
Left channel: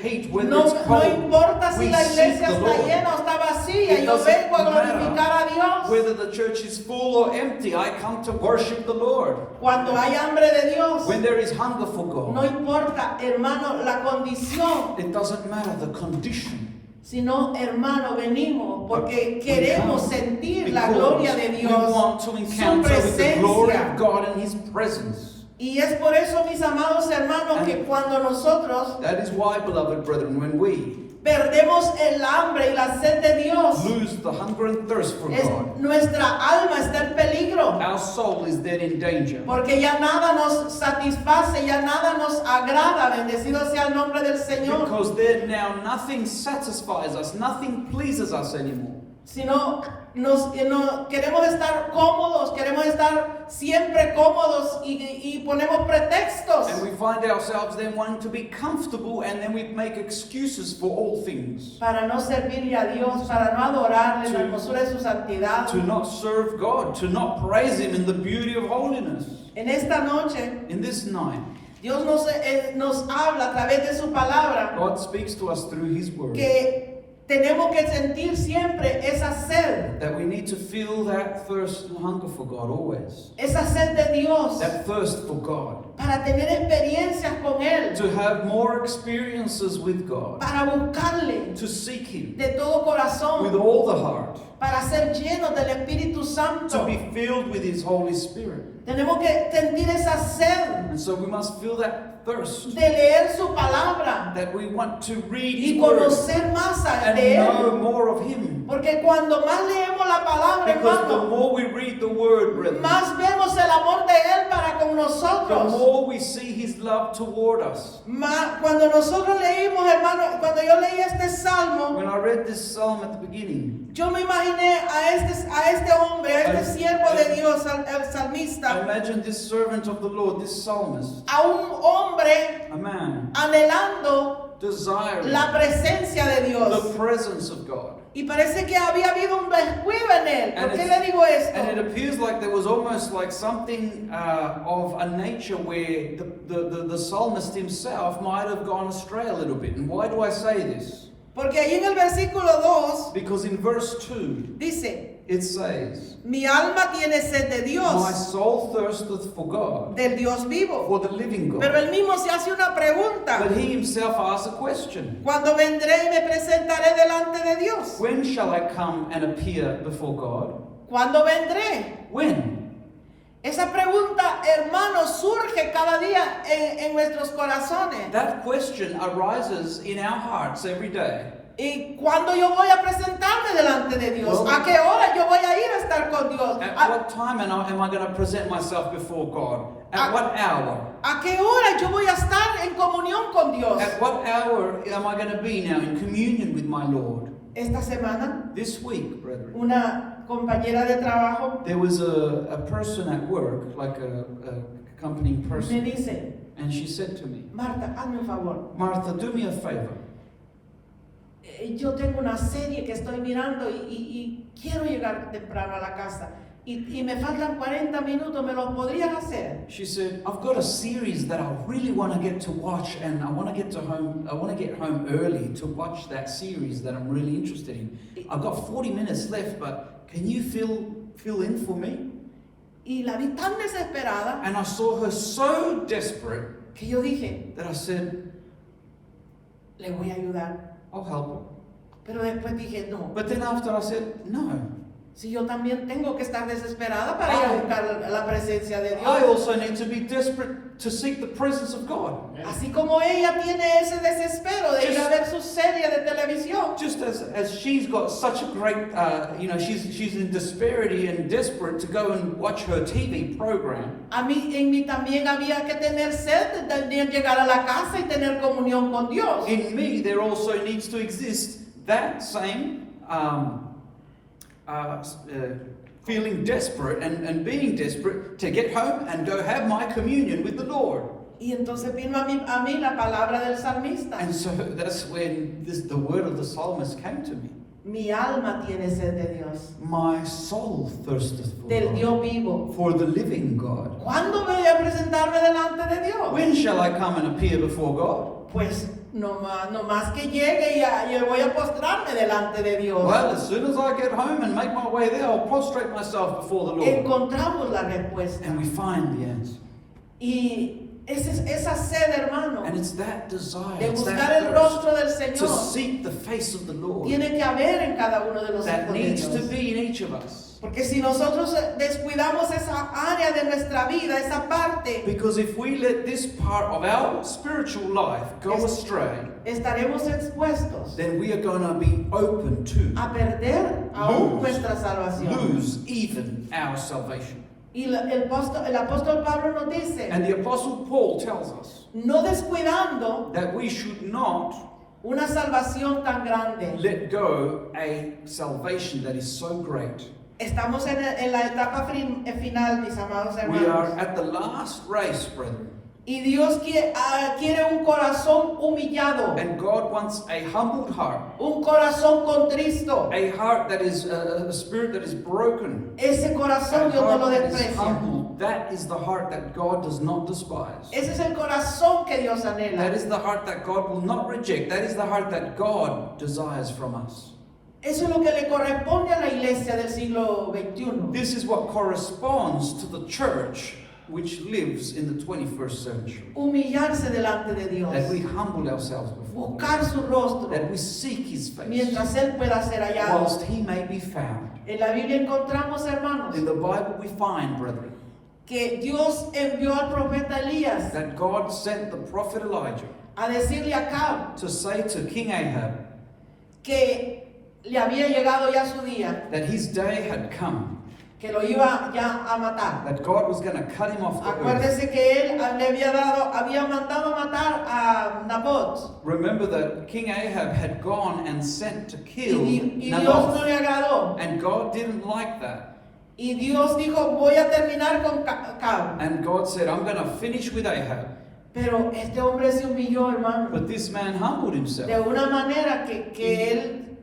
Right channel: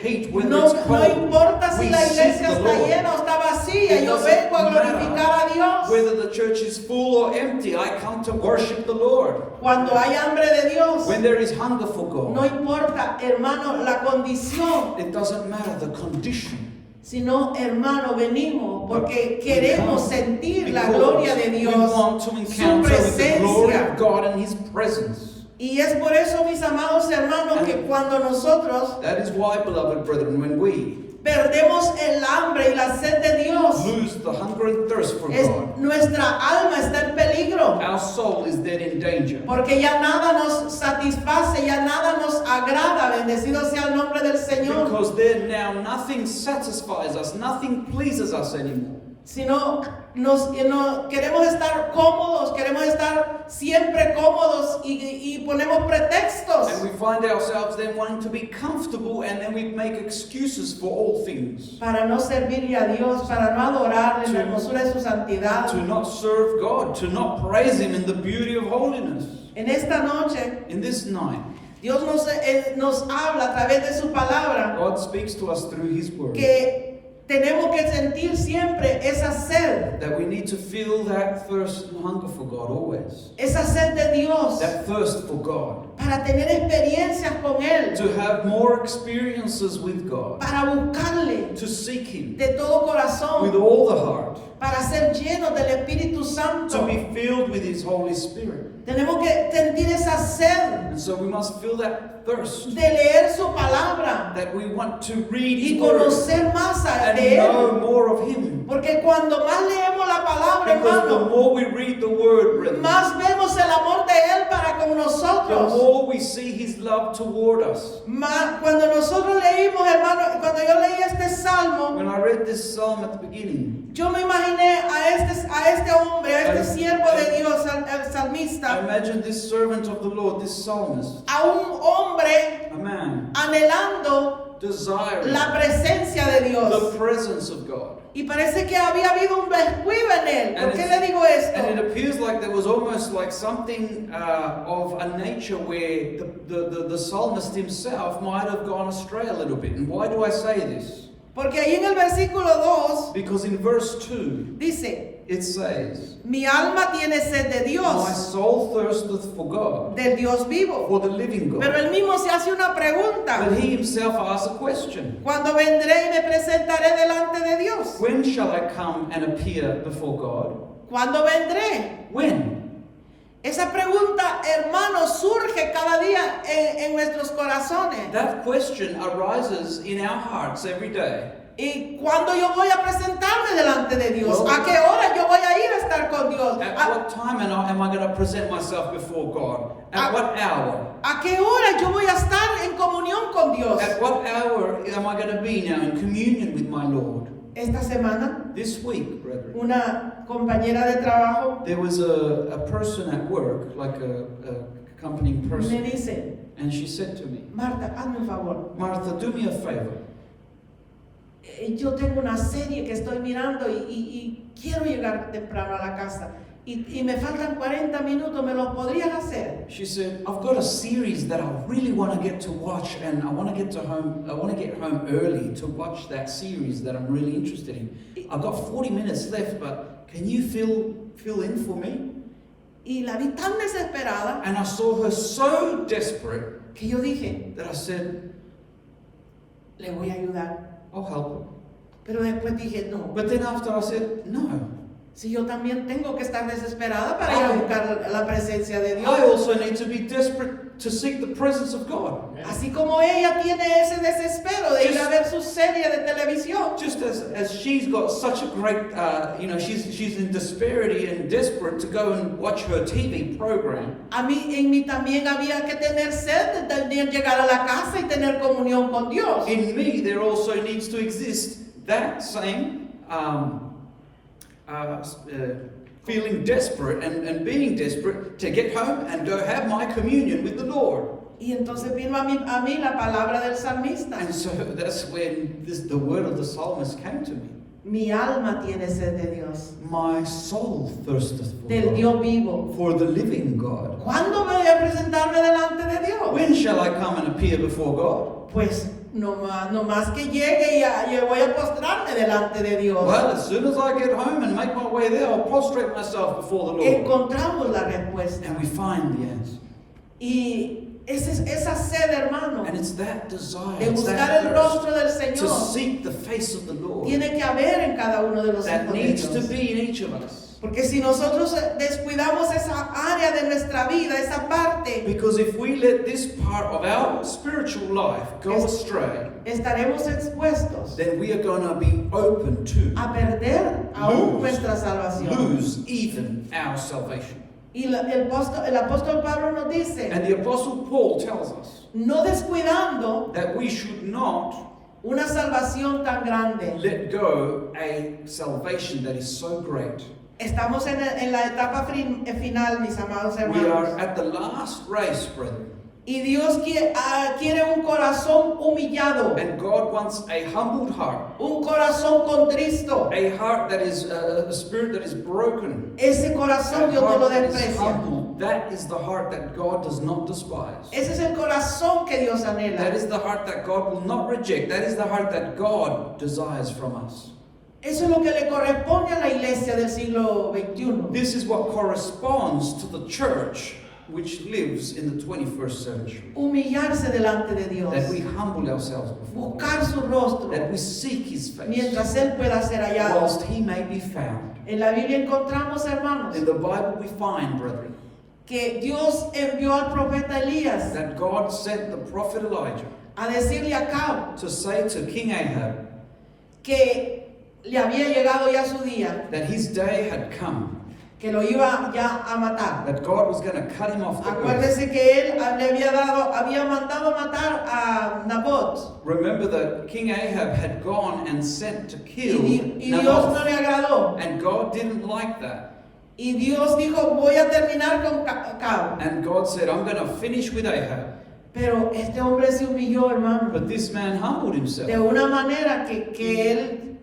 heat, whether No, it's no cold. importa si we la seek iglesia the está Lord. llena o está vacía, It yo doesn't vengo a matter glorificar a Dios. whether the church is full or empty, I come to worship the Lord. Cuando hay hambre de Dios, When there is hunger for God, no importa, hermano, la condición, it doesn't matter the condition. sino, hermano, venimos porque We queremos come sentir la because gloria de we Dios, want to su encounter with the glory presencia. of God and His presence. Y es por eso, mis amados hermanos, que cuando nosotros That is why, beloved brethren, when we perdemos el hambre y la sed de Dios, lose the hunger and thirst for God, nuestra alma está en peligro. our soul is then in danger. Porque ya nada nos satisface, ya nada nos agrada. Bendecido sea el nombre del Señor. Because then now nothing satisfies us, nothing pleases us anymore. Sino queremos estar cómodos, queremos estar siempre cómodos y ponemos pretextos And we find ourselves then wanting to be comfortable and then we make excuses for all things. para no servirle a Dios, para no adorarle en la To- hermosura de su santidad. To not serve God, to not praise Him in the beauty of holiness. En esta noche, In this night, Dios nos habla a través de su palabra God speaks to us through His Word. que tenemos que sentir siempre esa sed, That we need to feel that thirst and hunger for God always. esa sed de Dios. That thirst for God. para tener experiencias con Él, to have more experiences with God, para buscarle to seek Him de todo with corazón, all the heart, para ser llenos del Espíritu to Santo. be filled with His Holy Spirit. Tenemos que sentir esa sed And so we must feel that thirst, de leer su palabra that we want to read y His Word conocer más and de know Él. more of Him. Porque cuando más leemos la palabra, Because the hermano, more we read the Word, brethren, más vemos el amor de Él para con the nosotros. more we see His love toward us. Cuando nosotros leímos, hermano, cuando yo leí este salmo, When I read this psalm at the beginning, yo me imaginé a este hombre, a este siervo de Dios, el I salmista, imagined this servant of the Lord, this psalmist, a un hombre a man anhelando desiring la presencia de the Dios. presence of God. Y parece que había habido un descuido en él. ¿Por qué le digo And esto? it appears like there was almost like something of a nature where the psalmist himself might have gone astray a little bit. And why do I say this? Porque ahí en el versículo 2 Because in verse 2, dice, it says, mi alma tiene sed de My Dios, soul thirsteth for God, del Dios vivo. for the living Pero God. él mismo se hace una pregunta. But he himself asks a question. Cuando vendré y me presentaré delante de Dios. When shall I come and appear before God? ¿Cuándo vendré? When? Esa pregunta, hermano, surge cada día en nuestros corazones. That question arises in our hearts every day. ¿Y cuándo yo voy a presentarme delante de Dios? ¿A qué hora yo voy a ir a estar con Dios? At what time am I going to present myself before God? At what hour? ¿A qué hora yo voy a estar en comunión con Dios? At what hour am I going to be now in communion with my Lord? Esta semana, This week, brethren, una compañera de trabajo there was a person at work, like a accompanying me person, dice, and she said to me, Marta, hazme un favor. Martha, do me a favor. Yo tengo una serie que estoy mirando y quiero llegar temprano a la casa. Y me faltan 40 minutos, ¿me los podrías hacer? She said, I've got a series that I really want to get to watch, and I want to get home early to watch that series that I'm really interested in. I've got 40 minutes left, but can you fill in for me? Y la vi tan desesperada And I saw her so desperate que yo dije, that I said, le voy a ayudar. I'll help her. Pero después dije, no, But then after I said, no, si yo también tengo que estar desesperada para ir a buscar la presencia de I Dios. also need to be desperate to seek the presence of God. Así como ella tiene ese desespero de ir a ver su serie de televisión. Just as she's got such a great, she's in disparity and desperate to go and watch her TV program. En mí también había que tener sed de llegar a la casa y tener comunión con Dios. In me, there also needs to exist that same feeling desperate and being desperate to get home and go have my communion with the Lord. Y entonces vino a mí la palabra del salmista. And so that's when the word of the psalmist came to me. Mi alma tiene sed de Dios, My soul thirsteth for del God, Dios vivo. for the living God. ¿Cuándo voy a presentarme delante de Dios? When shall I come and appear before God? Pues no más que llegue y yo voy a postrarme delante de Dios. Well, as soon as I get home and make my way there, I'll prostrate myself before the Lord. Encontramos la respuesta. And we find the answer. Y esa sed, hermano, And it's that desire, de it's buscar that el thirst rostro del to Señor, seek the face of the Lord tiene que haber en cada uno de los that hijos de needs to Dios. be in each of us. Porque si nosotros descuidamos esa área de nuestra vida, esa parte, Because if we let this part of our spiritual life go Es- astray, estaremos expuestos then we are going to be open to a perder aún Lose. nuestra salvación. lose even our salvation. Y el apóstol Pablo nos dice, And the Apostle Paul tells us no descuidando that we should not una salvación tan grande. let go a salvation that is so great. Estamos en la etapa final, mis amados We hermanos. are at the last race, brethren. Y Dios quiere un corazón humillado, And God wants a humbled heart, un corazón contristo. a heart that is a spirit that is broken. Ese corazón A Dios no lo heart that is desprecia. humbled. That is the heart that God does not despise. Ese es el corazón que Dios anhela. That is the heart that God will not reject. That is the heart that God desires from us. Eso es lo que le corresponde a la iglesia del siglo XXI. This is what corresponds to the church which lives in the 21st century. Humillarse delante de Dios. That we humble ourselves before God. Buscar su rostro. That we seek His face. Mientras Él pueda ser hallado. Whilst He may be found. En la Biblia encontramos, hermanos, In the Bible we find, brethren, que Dios envió al profeta Elías that God sent the prophet Elijah a decirle a Acab to say to King Ahab que le había llegado ya su día, that his day had come, que lo iba ya a matar. that God was going to cut him off the earth. Acuérdese que él había mandado a matar a Nabot Remember that King Ahab had gone and sent to kill y Dios no Naboth, le agradó. and God didn't like that. Y Dios dijo, voy a terminar con Acab. And God said, I'm going to finish with Ahab. Pero este hombre se humilló, hermano, But this man humbled himself. de una manera que él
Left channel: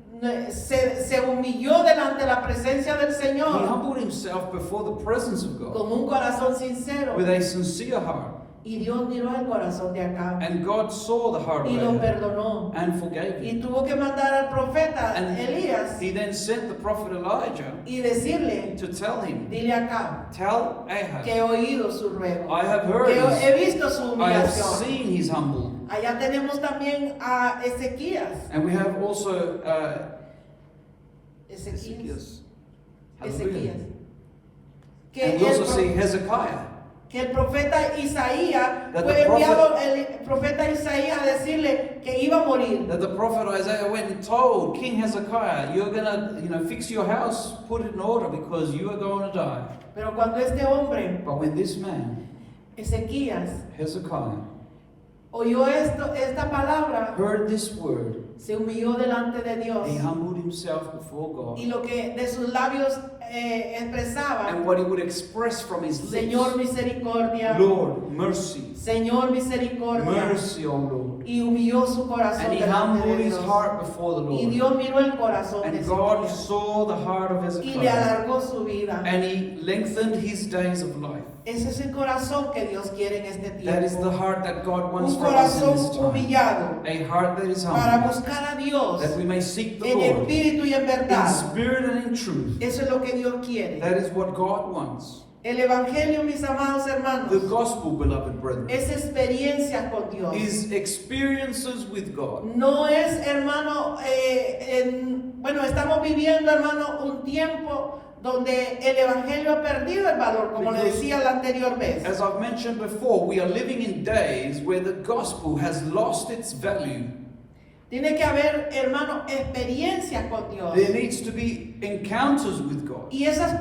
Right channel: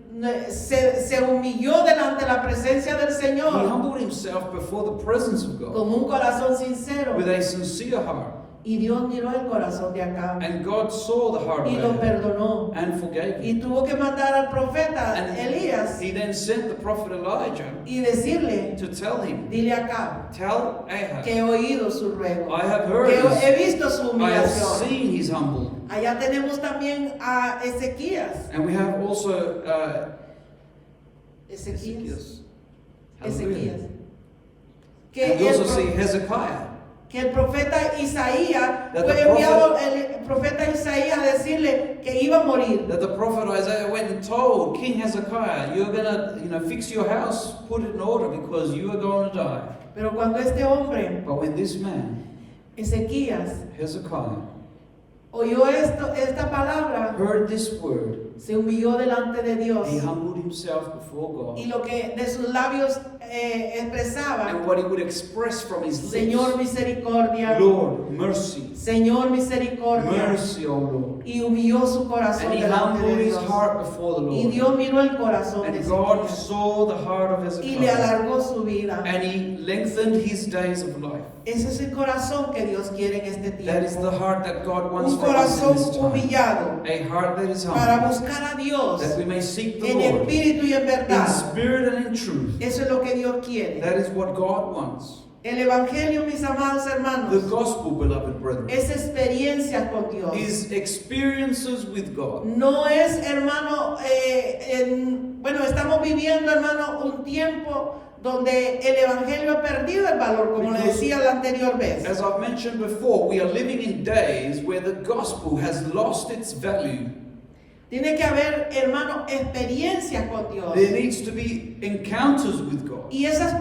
se humilló delante de la presencia del He Señor humbled himself before the presence of God con un corazón sincero. with a sincere heart. Y Dios miró el corazón de Acab And God saw the heart y of lo Ahab perdonó. and forgave Y him. tuvo que mandar al profeta And Elías he then sent the prophet Elijah y decirle, to tell him, dile a Acab tell Ahab, que he oído su ruego, I have heard que his, he visto su I have humillación. seen his humble. Allá tenemos también a Ezequías. And we have also Ezequías. Hallelujah. Que And we also see el, Hezekiah. que el profeta Isaías That fue the enviado el profeta Isaías a decirle que iba a morir. That the prophet Isaiah went and told King Hezekiah, you're gonna, fix your house, put it in order because you are going to die. Pero cuando este hombre, But when this man, Ezequías, Hezekiah, oyó esta palabra, heard this word, se humilló delante de Dios. he humbled himself before God. Y lo que de sus labios expresaba, And what he would express from his Señor lips, misericordia, Lord, mercy, Señor misericordia. mercy, O Lord. Y humilló su corazón And he delante de humbled his Dios. heart before the Y Lord. Dios miró el corazón de And God Ezequías saw the heart of y le Hezekiah. alargó su vida. And he lengthened his days of life. Ese es el corazón que Dios quiere en este That is the tiempo. heart that God wants Un for us in corazón this time. humillado A heart that is para humble. buscar a Dios That we may seek the en Lord espíritu y en in verdad. spirit and in truth. Eso es lo que Dios quiere. That is what God wants. El Evangelio, mis amados The hermanos, gospel, beloved brethren, es experiencia con Dios. is experiences with God. No es, hermano, bueno, estamos viviendo, hermano, un tiempo donde el Evangelio ha perdido el valor, como le decía la anterior vez. As I've mentioned before, we are living in days where the gospel has lost its value. Tiene que haber, hermano, experiencias con Dios. There needs to be encounters with God. Y esas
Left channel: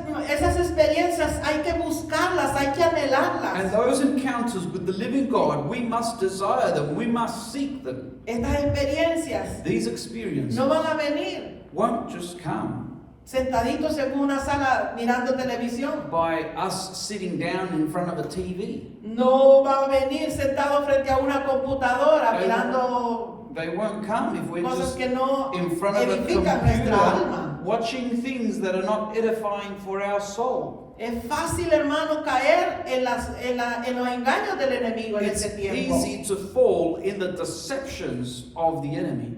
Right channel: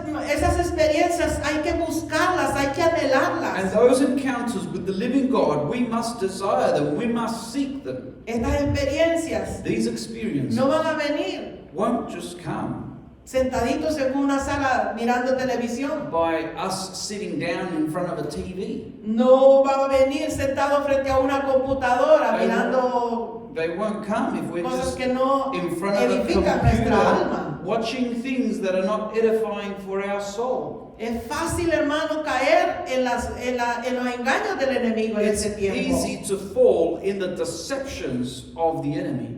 experiencias hay que buscarlas, hay que And anhelarlas. those encounters with the living God, we must desire them, we must seek them. Estas experiencias These experiences no van a venir won't just come sentaditos en una sala mirando televisión. by us sitting down in front of a TV. No va a venir sentado frente a una computadora They mirando They won't come if we're cosas just que no in front of a edifican nuestra computer alma. watching things that are not edifying for our soul. Es fácil, hermano, caer en los engaños del enemigo en It's ese tiempo. easy to fall in the deceptions of the enemy.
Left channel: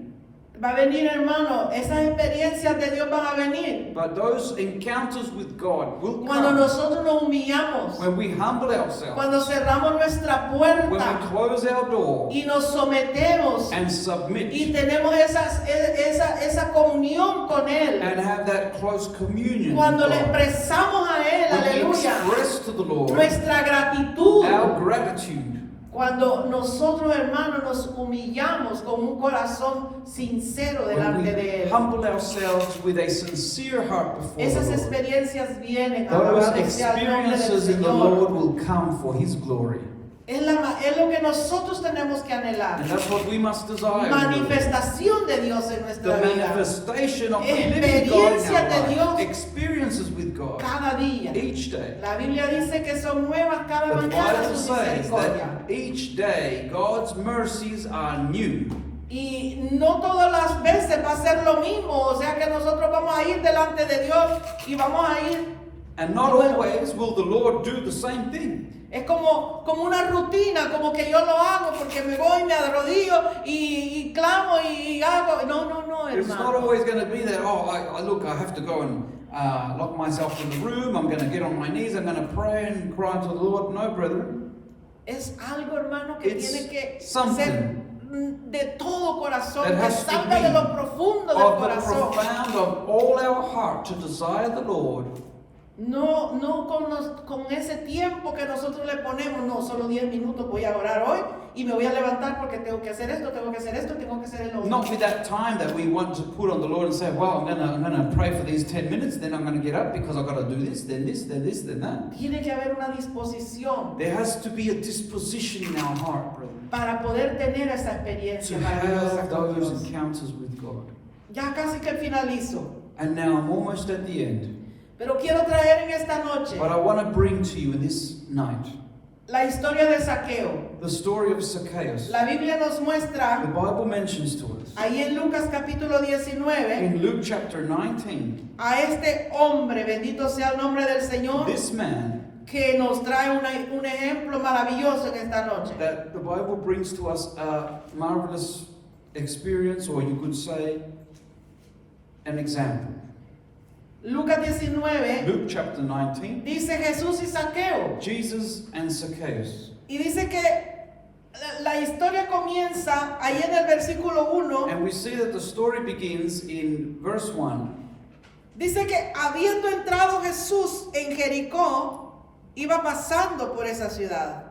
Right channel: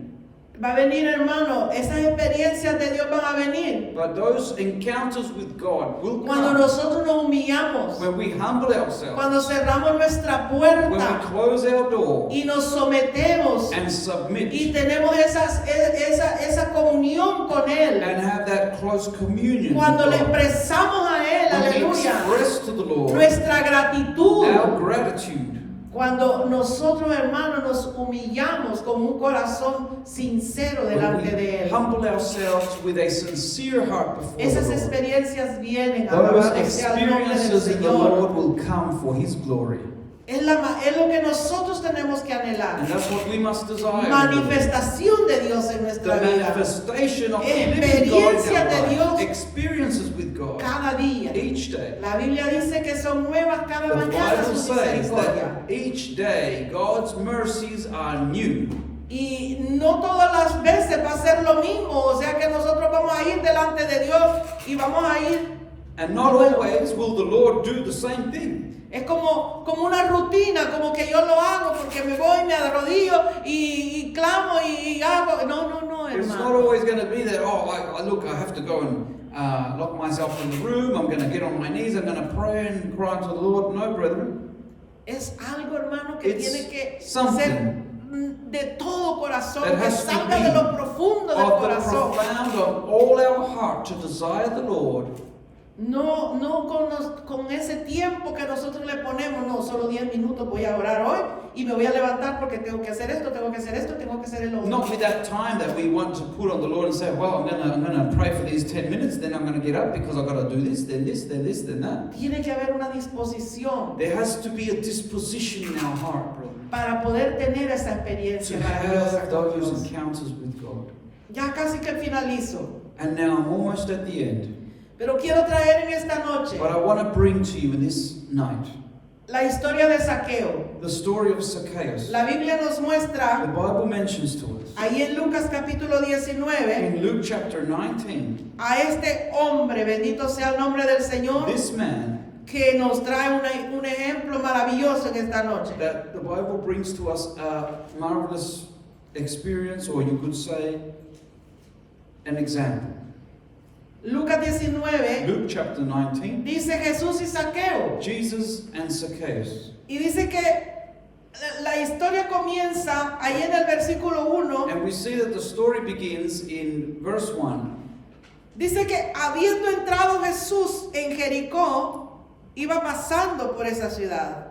Va a venir, hermano, esas experiencias de Dios van a venir But those encounters with God will cuando come nosotros nos humillamos, when we humble ourselves, cuando cerramos nuestra when puerta we close our door y nos sometemos and submit y tenemos esa comunión con Él. and have that close communion Cuando le with God. expresamos a Él, When we aleluya, express to the Lord nuestra gratitud. our gratitude. Cuando nosotros, hermanos, nos humillamos con un corazón sincero When delante de we Él. humble ourselves with a sincere heart before Esas the Lord. experiencias vienen, Those alabado sea el nombre del experiences in the Lord Señor. will come for His glory. Es lo que nosotros tenemos que anhelar. And that's what we must desire. Manifestación de Dios en The nuestra vida. manifestation of the living God in Experiencia our de life. Dios Experiences with God Cada día. each day. La Biblia dice que son nuevas cada The mañana Bible sus says misericordias. that each day God's mercies are new. Y no todas las veces va a ser lo mismo. O sea que nosotros vamos a ir delante de Dios y vamos a ir. And not Bueno. always will the Lord do the same thing. Es como una rutina, como que yo lo hago porque me voy, me arrodillo y clamo y hago. No, It's not hermano. always going to be that, look, I have to go and lock myself in the room, I'm going to get on my knees, I'm going to pray and cry to the Lord. No, brethren. Es algo, hermano, que It's tiene que something ser de todo corazón, that que has to salga be de lo profundo del of the corazón. profound of all our heart to desire the Lord. No con ese tiempo que nosotros le ponemos, no, solo 10 minutos voy a orar hoy y me voy a levantar porque tengo que hacer esto, tengo que hacer esto, tengo que hacer el otro. Not with that time that we want to put on the Lord and say, well, I'm going to pray for these 10 minutes, then I'm going to get up because I've got to do this, then this, then this, then that. Tiene que haber una disposición There has to be a disposition in our heart, brethren, para poder tener esa to experiencia maravillosa have con those Dios. encounters with God. Ya casi que finalizo, And now I'm almost at the end. pero quiero traer en esta noche But I want to bring to you in this night la historia de Zaqueo. the story of Zacchaeus. La Biblia nos The muestra Bible mentions to us ahí en Lucas capítulo 19 in Luke chapter 19, a este hombre, bendito sea el nombre del Señor, this man que nos trae un ejemplo maravilloso en esta noche. that the Bible brings to us a marvelous experience, or you could say an example. Lucas 19 Luke chapter 19, dice Jesús y Zaqueo. Jesus and Zacchaeus. Y dice que la historia comienza ahí en el versículo 1. And we see that the story begins in verse 1. Dice que habiendo entrado Jesús en Jericó, iba pasando por esa ciudad.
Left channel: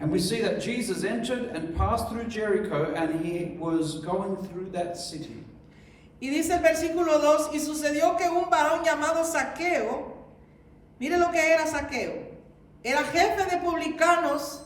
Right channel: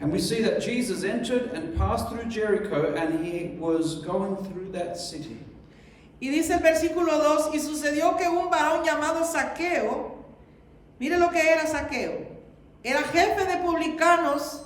And we see that Jesus entered and passed through Jericho, and he was going through that city. Y dice el versículo 2, y sucedió que un varón llamado Zaqueo, mire lo que era Zaqueo, era jefe de publicanos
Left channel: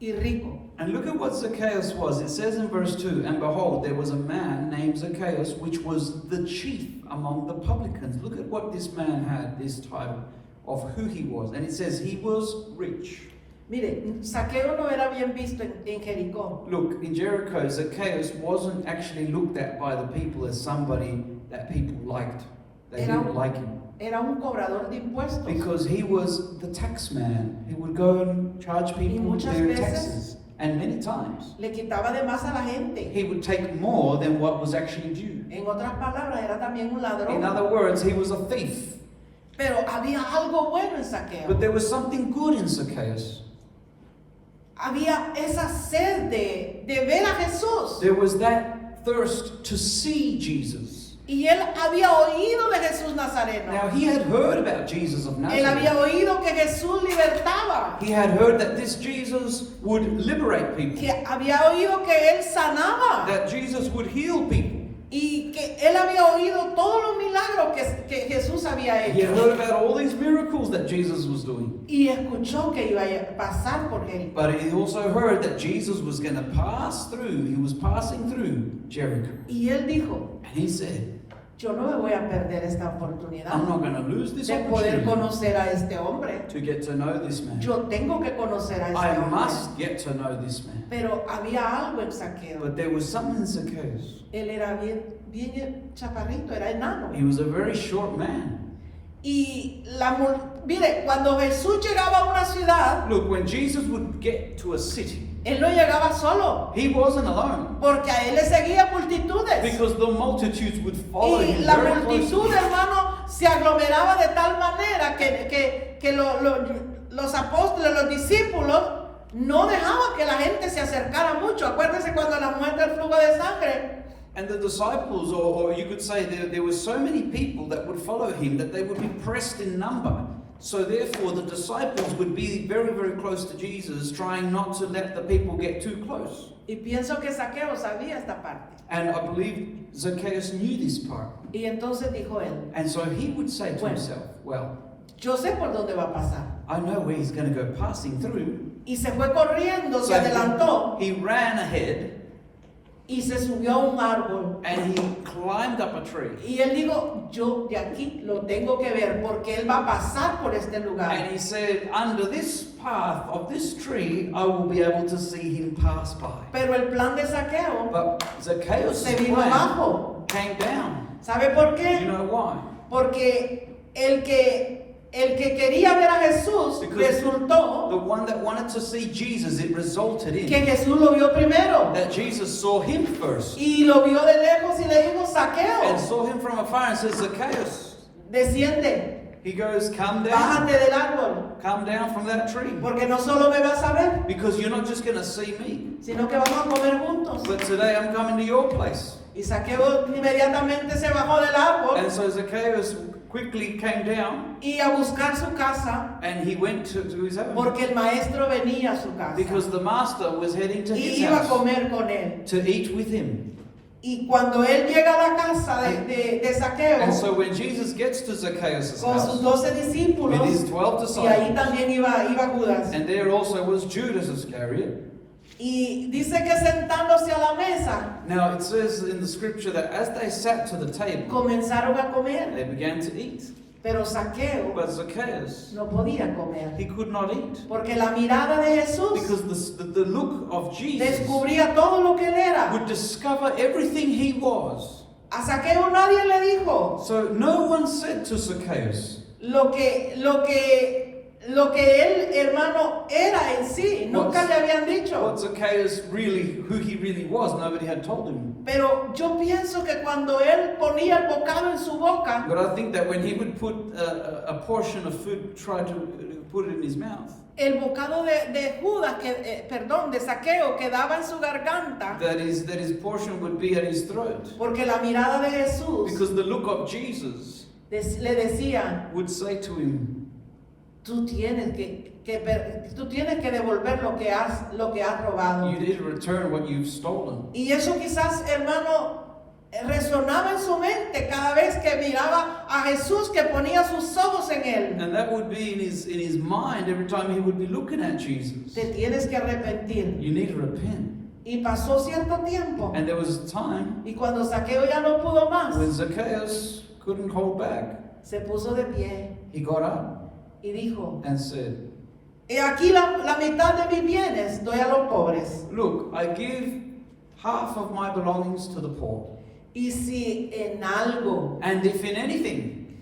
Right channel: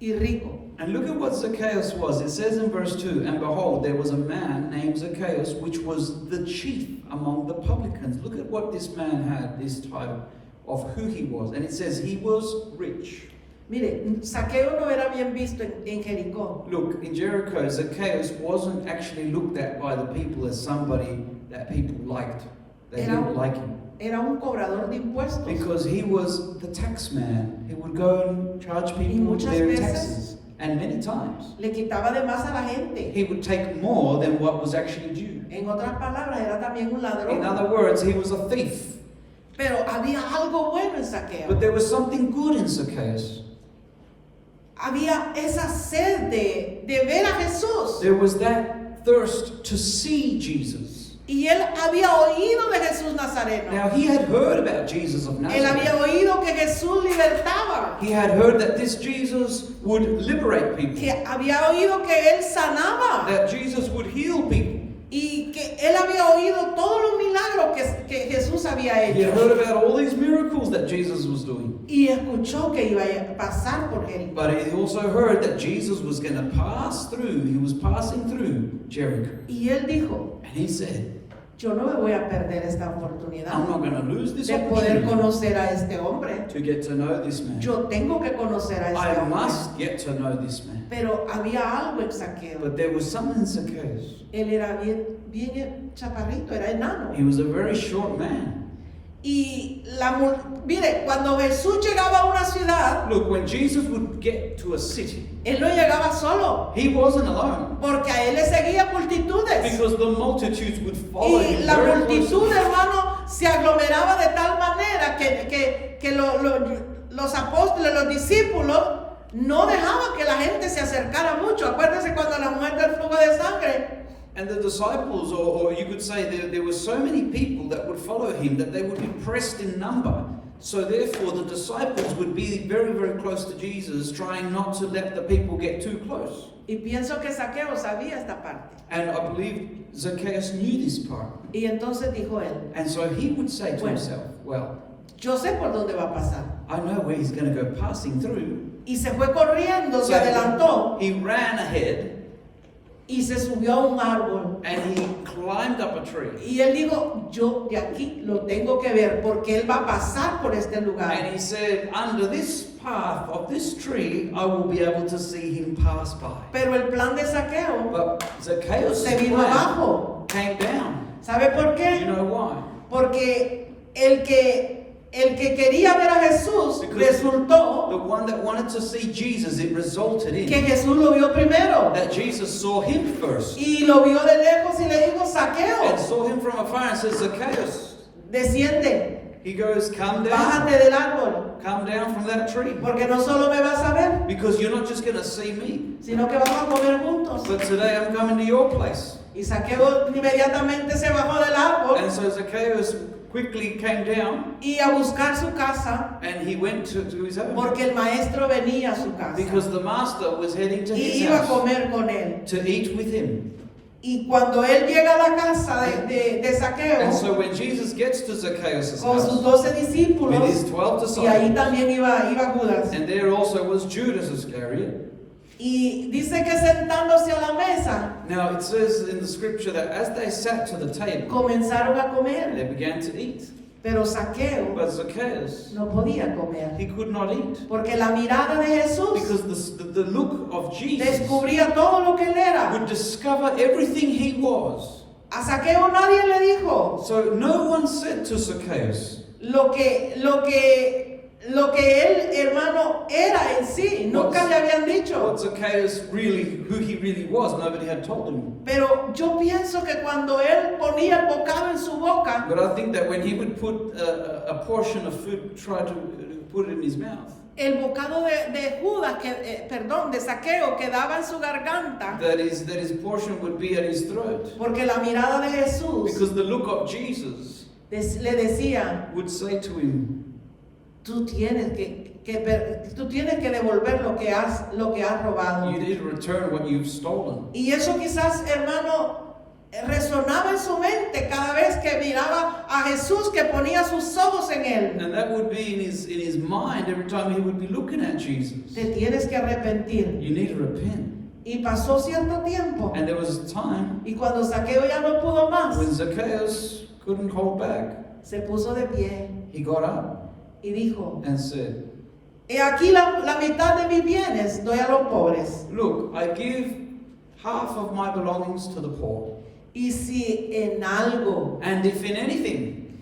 y rico. And look at what Zacchaeus was. It says in verse 2, and behold, there was a man named Zacchaeus, which was the chief among the publicans. Look at what this man had, this title of who he was. And it says he was rich. Mire, Zaqueo no era bien visto en Jericó. Look, in Jericho, Zacchaeus wasn't actually looked at by the people as somebody that people liked. They didn't like him. Era un cobrador de impuestos. Because he was the tax man. He would go and charge people muchas their veces taxes. And many times, le quitaba de más a la gente. he would take more than what was actually due. En otras palabras, era también un In ladrón. other words, he was a thief. Pero había algo bueno en Zaqueo. But there was something good in Zacchaeus. Había esa sed de ver a Jesús. There was that thirst to see Jesus. Y él había oído de Jesús Nazareno. Now, he had heard about Jesus of Él había Nazareth. oído que Jesús libertaba. He had heard that this Jesus would liberate people, Que había oído que él sanaba. that Jesus would heal people. Y que él había oído todos los milagros que Jesús había He had hecho. heard about all these miracles that Jesus was doing. Y escuchó que iba a pasar por Jericó. But he also heard that Jesus was going to pass through. He was passing through Jericho. Y él dijo, And he said, yo no me voy a perder esta oportunidad I'm not going to lose this de poder opportunity conocer a este hombre. to get to know this man. Yo tengo que conocer a I este hombre. must get to know this man. Pero había algo en Zaqueo. But there was something in Zacchaeus. Él era bien chaparrito, era enano. He was a very short man. Y mire, cuando Jesús llegaba a una ciudad, Look, when Jesus would get to a city, él no llegaba solo, he wasn't alone. porque a él le seguían multitudes. Because the multitudes would follow Y him la very multitud, closely. hermano, se aglomeraba de tal manera que los apóstoles, los discípulos, no dejaban que la gente se acercara mucho. Acuérdense cuando la mujer del flujo de sangre, And the disciples, or you could say there were so many people that would follow him that they would be pressed in number. So therefore the disciples would be very, very close to Jesus, trying not to let the people get too close. y pienso que Zaqueo sabía esta parte. And I believe Zacchaeus knew this part. Y entonces dijo él, And so he would say to Bueno. himself, well, yo sé por dónde va a pasar. I know where he's going to go passing through. Y se fue corriendo, se So adelantó he ran ahead y se subió a un árbol. and he climbed up a tree. Y él dijo, yo de aquí lo tengo que ver porque él va a pasar por este lugar. And he said, under this path of this tree, I will be able to see him pass by. Pero el plan de Zaqueo But Zacchaeus se vino abajo. came down. ¿Sabe por Do you qué? know why? Porque el que quería ver a Jesús The resultó one that wanted to see Jesus, it resulted que in Jesús lo vio primero. that Jesus saw him first Y lo vio de lejos y le dijo, and Zaqueo, saw him from afar and said, Zacchaeus, desciende, He goes, come bájate down. del árbol, Come down from that tree. porque no solo me vas a ver, Because you're not just going to see me. sino que vamos a comer juntos. But today I'm coming to your place. Y Zaqueo inmediatamente se bajó del árbol And so Zacchaeus quickly came down y a buscar su casa, and he went to his home. porque el maestro venía a su casa Because the master was heading to y his iba a house comer con él. to eat with him. Y cuando él llega a la casa de And Zaqueo so when Jesus gets to Zacchaeus' con sus house 12 with discípulos, his 12 y ahí disciples, también iba Judas, and there also was Judas Iscariot. y dice que sentándose a la mesa Now it says in the scripture that as they sat to the table, comenzaron a comer, they began to eat. pero Zaqueo But Zacchaeus, no podía comer, he could not eat. porque la mirada de Jesús Because the look of Jesus descubría todo lo que él era. would discover everything he was. A Zaqueo nadie le dijo So no one said to Zacchaeus lo que él, hermano, era en sí. Nunca le habían dicho. what Zacchaeus really, who he really was. Nobody had told him. Pero yo pienso que cuando él ponía el bocado en su boca, But I think that when he would put a portion of food, try to put it in his mouth, el bocado de Judas, de Zaqueo, quedaba en su garganta, that his portion would be at his throat. porque la mirada de Jesús Because the look of Jesus le decía: would say to him, tú tienes que devolver lo que has robado. you need to return what you've stolen. Y eso quizás, hermano, resonaba en su mente cada vez que miraba a Jesús, que ponía sus ojos en él. And that would be in his mind every time he would be looking at Jesus. Te tienes que arrepentir. You need to repent. Y pasó cierto tiempo, And there was a time y cuando Zaqueo ya no pudo más, when Zacchaeus couldn't hold back. se puso de pie He got up y dijo: and said, he aquí la mitad de mis bienes doy a los pobres. look, I give half of my belongings to the poor. Y si en algo And if in anything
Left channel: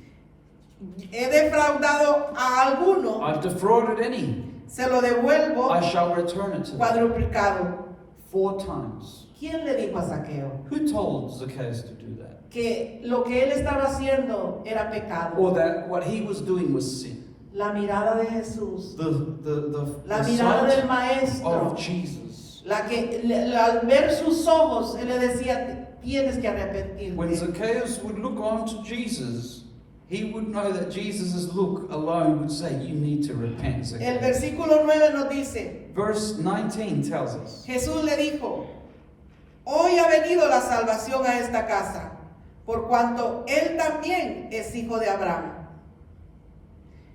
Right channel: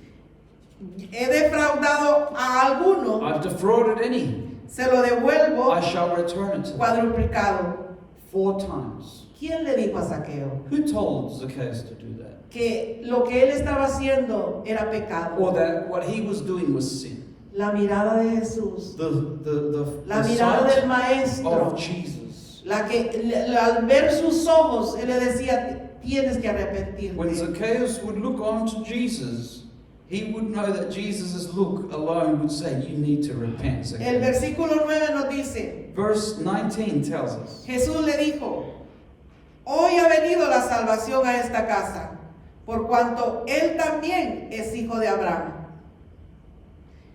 he defraudado a alguno, I've defrauded any, se lo devuelvo I shall return it to them cuadruplicado. 4 times. ¿Quién le dijo a Zaqueo Who told Zacchaeus to do that? que lo que él estaba haciendo era pecado? Or that what he was doing was sin? La mirada de Jesús, la The mirada sight del maestro, of Jesus. la que al ver sus ojos él le decía: tienes que When arrepentirte. Zacchaeus would look on to Jesus, he would know that Jesus' look alone would say, you need to repent, El Zacchaeus. versículo 9 nos dice: Verse 19 tells us, Jesús le dijo: hoy ha venido la salvación a esta casa, por cuanto él también es hijo de Abraham.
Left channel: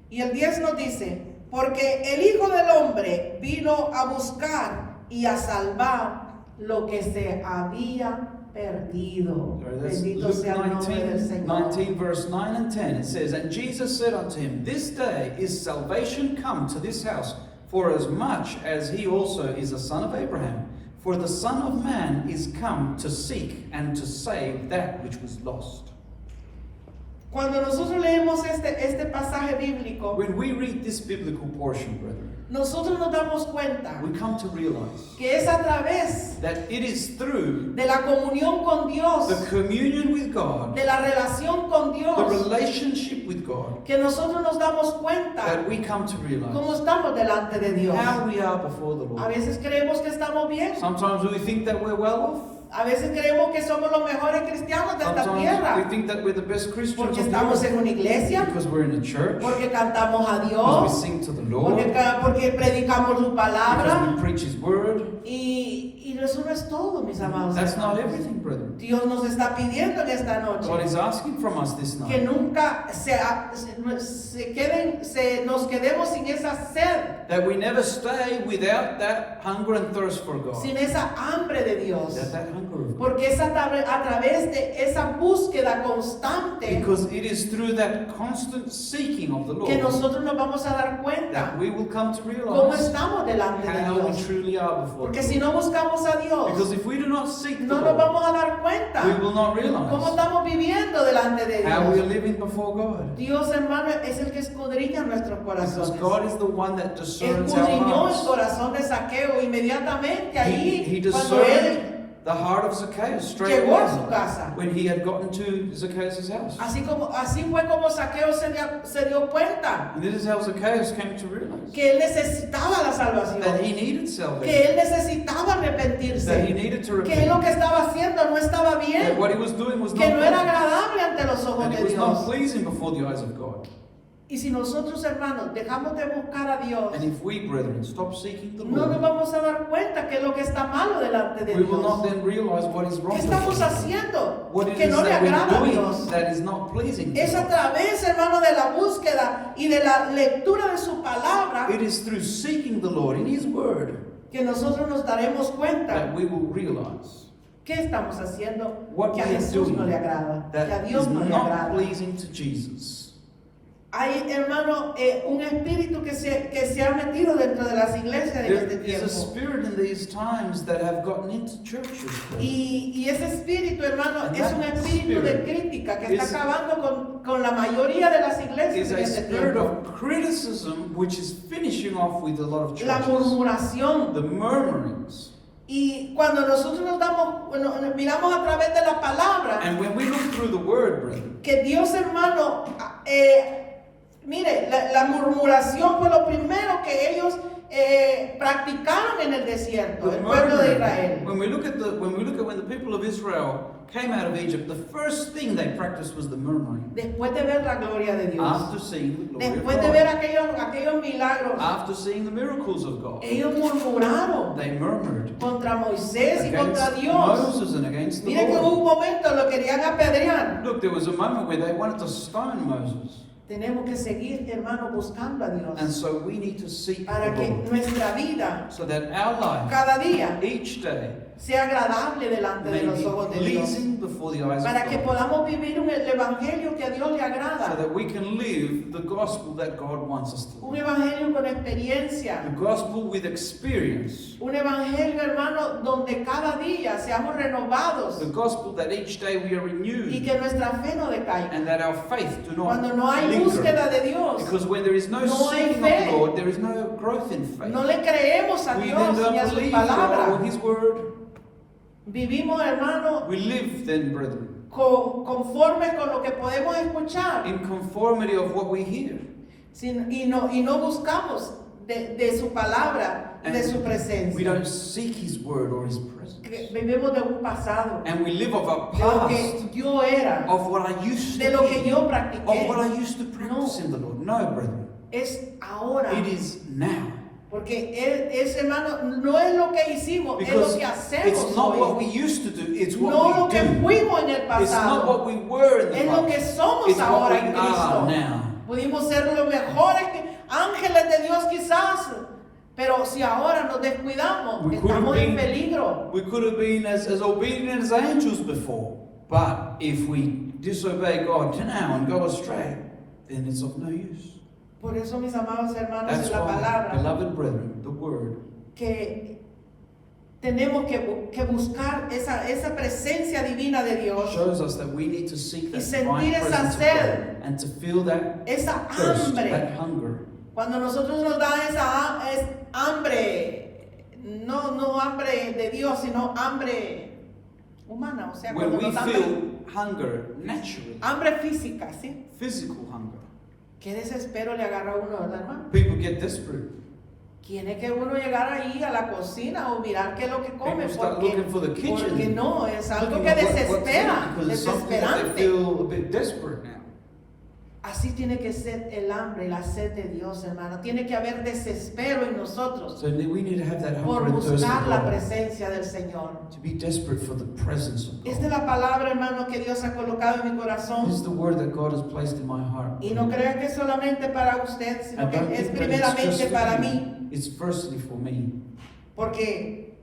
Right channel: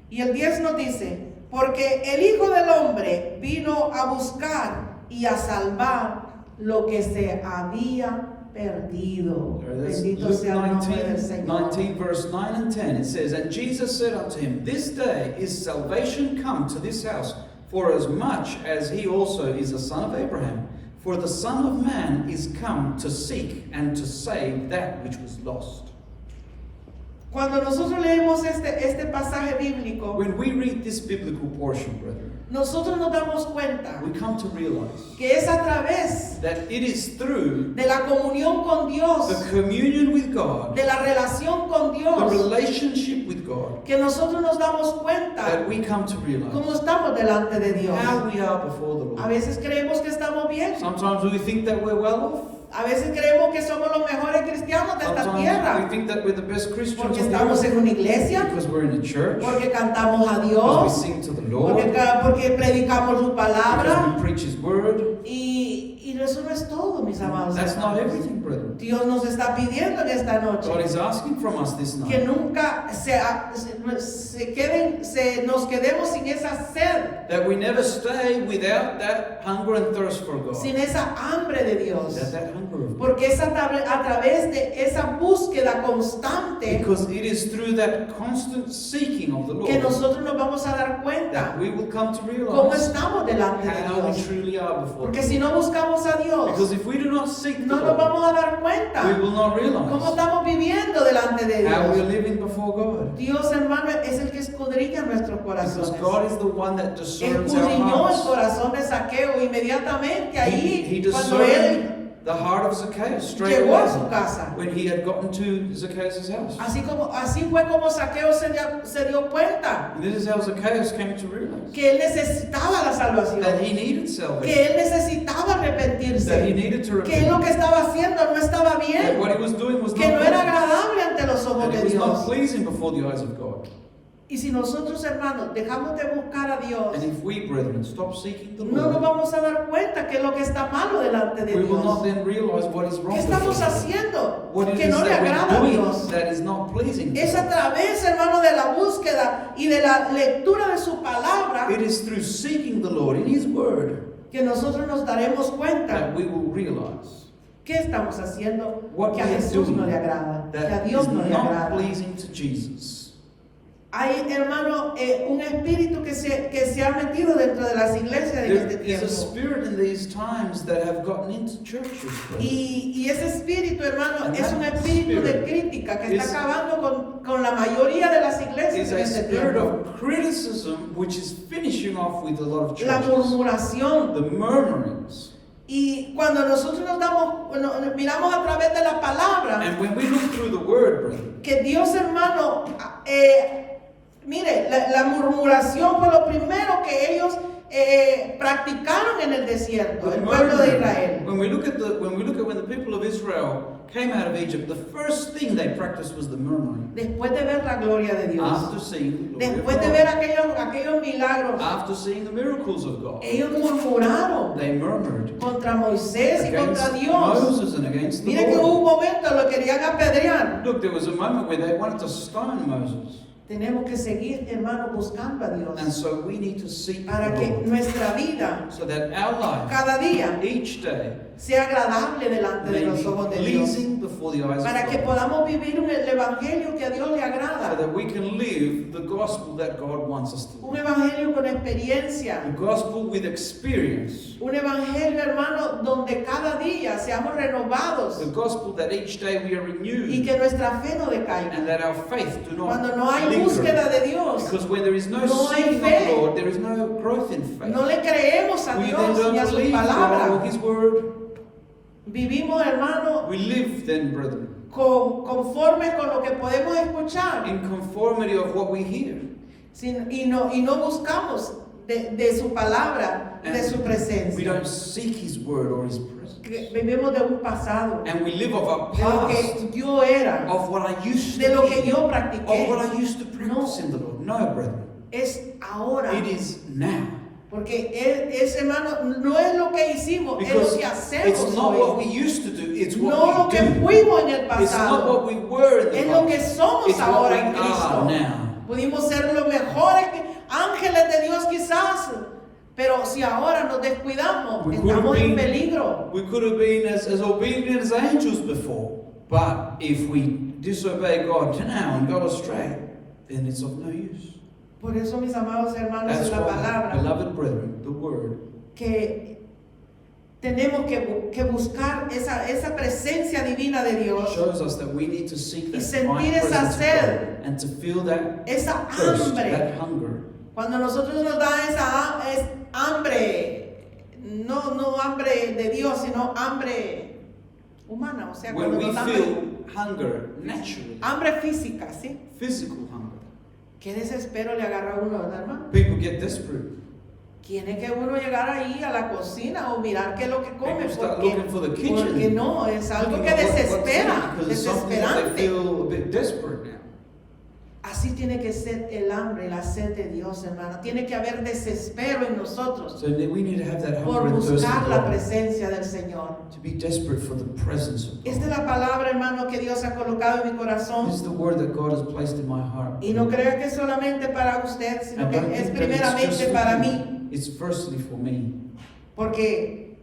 Y el 10 nos dice: porque el Hijo del Hombre vino a buscar y a salvar lo que se había perdido. That's Bendito Luke sea el nombre del 19, Señor. 19, verse 9 and 10, it says, and Jesus said unto him, this day is salvation come to this house, for as much as he also is a son of Abraham. For the Son of Man is come to seek and to save that which was lost. Cuando nosotros leemos este pasaje bíblico, When we read this biblical portion, brethren, nosotros nos damos cuenta we come to realize que es a través that it is through de la comunión con Dios, the communion with God, de la relación con the Dios, relationship with God, que nosotros nos damos cuenta that we come to cómo realize estamos delante de Dios. how we are before the A Lord. veces creemos que estamos bien, Sometimes we think that we're well off. a veces creemos que somos los mejores cristianos de esta Sometimes we tierra, think that we're the best Christians porque on the estamos earth en una iglesia, because we're in a church, porque cantamos a because Dios, we sing to the Lord, porque predicamos su because palabra, we preach His word. y eso no es todo, mis amados. That's not hermanos. everything, brethren. Dios nos está pidiendo en esta noche God is asking from us this que night nunca nos quedemos sin esa sed, that we never stay without that hunger and thirst for God, sin esa hambre de Dios, that hunger of God. porque es a través de esa búsqueda constante Because it is through that constant seeking of the que Lord nosotros nos vamos a dar cuenta that we will come to cómo realize estamos delante de how we Dios. truly are before Porque Him. si no buscamos a Dios, Because if we do not seek the no nos Lord, vamos a dar we cuenta will not cómo realize estamos viviendo delante de how we are Dios. living before God. Dios, hermano, es el que escudriña nuestros Because corazones. God is the one that discerns our Escudriñó el hearts. corazón de Zaqueo inmediatamente ahí He cuando discerned él the heart of Zacchaeus straight llegó a away su casa. when he had gotten to Zacchaeus' house. Así fue como Zaqueo se dio cuenta And this is how Zacchaeus came to realize que él necesitaba la that salvación, he needed que salvation, él necesitaba that he arrepentirse, needed to que lo repent, que estaba haciendo no estaba that bien, what he was doing was que not no era pleasing, agradable ante los ojos that de it was not Dios. pleasing before the eyes of God. Y si nosotros, hermanos, dejamos de buscar a Dios, And if we, brethren, stop seeking the no nos Lord, vamos a dar cuenta que es lo que está malo delante de we will not Dios. then realize what is wrong ¿Qué with estamos us. haciendo What it que is no le that we're agrada a doing Dios? that is not pleasing to Es a God. través, hermano, de la búsqueda y de la lectura de su palabra It is through seeking the Lord in His Word que nosotros nos daremos cuenta that we will realize qué estamos haciendo what que a we are Jesús no doing le agrada, que a that Dios is no le not agrada. pleasing to Jesus. Hay, hermano, un espíritu que se ha metido dentro de las iglesias en este There is a tiempo. spirit in these times that have gotten into churches. Y ese espíritu, hermano, And es un that espíritu de spirit crítica que está is- acabando con la mayoría de las iglesias It's en a este spirit tiempo. of criticism which is finishing off with a lot of La churches. murmuración. The murmurings. Y cuando nosotros miramos a través de la palabra, And when we look through the Word, brethren, que Dios, hermano, mire, la murmuración fue lo primero que ellos practicaron en el desierto, the el pueblo de murmuring, Israel. when we look at when the people of Israel came out of Egypt, the first thing they practiced was the murmuring. Después de ver la gloria de Dios, After seeing the glory of después de God, ver aquellos milagros, after seeing the miracles of God, ellos murmuraron they murmured contra Moisés y against contra Dios. Moses and against the Mire que hubo Lord. un momento lo querían apedrear. Look, there was a moment where they wanted to stone Moses. Tenemos que seguir, hermano, buscando a Dios And so we need to seek para the que Lord, nuestra vida so that our life, cada día each day, sea agradable delante de may los be ojos de Dios, pleasing before the eyes para of que God, podamos vivir el evangelio que a Dios le so agrada, that we can live the gospel that God wants us to un live. evangelio con experiencia, The gospel with experience. un evangelio, hermano, donde cada día seamos renovados The gospel that each day we are y renewed que nuestra fe no decaiga. and that our faith do not Cuando no hay linger. búsqueda de Dios, Because when there is no no hay seeking fe. of the Lord, there is no growth in faith. no le creemos a We Dios then ni a don't su believe God or palabra. His word. Vivimos, hermano, We live then, brethren, conforme con lo que podemos escuchar in conformity of what we hear. y no buscamos de su palabra y de su We presencia. don't seek His word or His Que presence. vivimos de un pasado, And we live of our de lo past, que yo era, of what I used de to lo que be, yo of practiqué. what I used to practice in the Lord. No, brethren. Es ahora. It is now. Porque es, hermano, no es lo que hicimos, es lo Because que hacemos it's not what we hoy. used to do, it's No what lo we que do. fuimos en el It's not what pasado, we were in the es lo que past. somos It's what ahora we en are Cristo. now. Pudimos ser los mejores ángeles de Dios quizás, pero si ahora nos descuidamos, We could estamos have en been- peligro. We could have been as obedient as angels before, but if we disobey God now and go astray, then it's of no use. Por eso, mis amados hermanos, That's en la why, palabra, beloved brethren, the word, que tenemos que buscar esa presencia divina de Dios, shows us that we need to seek Y that sentir divine esa presence of sed. God and to feel that esa thirst, hambre. that hunger. Cuando nosotros nos da esa hambre, no hambre de Dios, sino hambre humana, o sea, When cuando we nos da feel hunger naturally, hambre física, ¿sí? physical hunger, ¿Qué desespero le agarra a uno, verdad, hermano? people get desperate. Tiene que uno llegar ahí a la cocina o mirar qué es lo que come, People start porque, looking for the kitchen. porque no, es algo Looking que at what to desespera, eat, because it's something that they desesperante. feel a bit desperate now. Así tiene que ser el hambre y la sed de Dios, hermano. Tiene que haber desespero en nosotros So we need to have that por hunger and thirst buscar of la God, presencia del Señor. to be desperate for the presence of Esta es God. la palabra, hermano, que Dios ha colocado en mi This corazón. is the word that God has placed in my heart. Y no crea que es solamente para usted, sino And que don't es think that it's primeramente just para for mí. you. It's firstly for me. Porque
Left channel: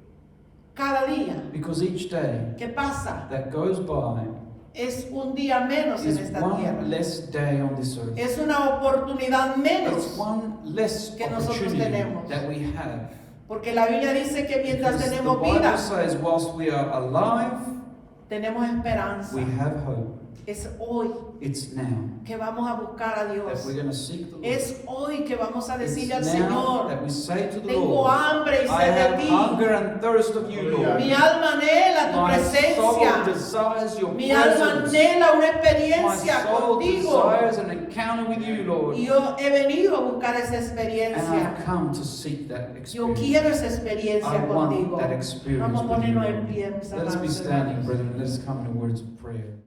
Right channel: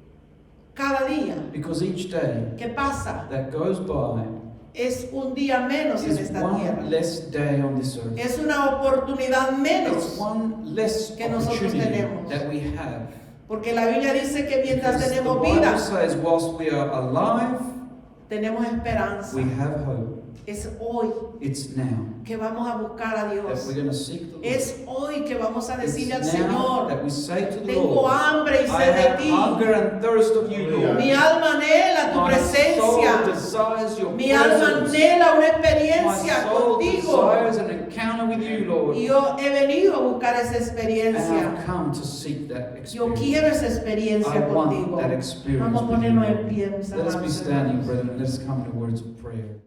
cada día Because each day que pasa that goes by es un día menos en is esta one tierra. less day on this earth. Es una oportunidad It's menos. one less que nosotros opportunity tenemos. that we have. Porque la Biblia dice que mientras Because tenemos the Bible vida, says, whilst we are alive, tenemos esperanza. we have hope. Es hoy It's now que vamos a buscar a that Dios. we're going to seek the Lord. Es hoy que vamos a decirle al It's now Señor, that we say to the tengo Lord, hambre y I sed de have ti. hunger and thirst of you, Lord. Mi alma anhela tu My soul presencia. desires your Mi alma presence. anhela una My experiencia soul contigo. desires an encounter with you, Lord. Y yo he venido a buscar esa And experiencia. I've come to seek that Yo experience. quiero esa experiencia I want contigo. that experience Vamos a with you, ponernos Lord. en pie, mis Let us be amados standing, hermanos. brethren. Let us come to words of prayer.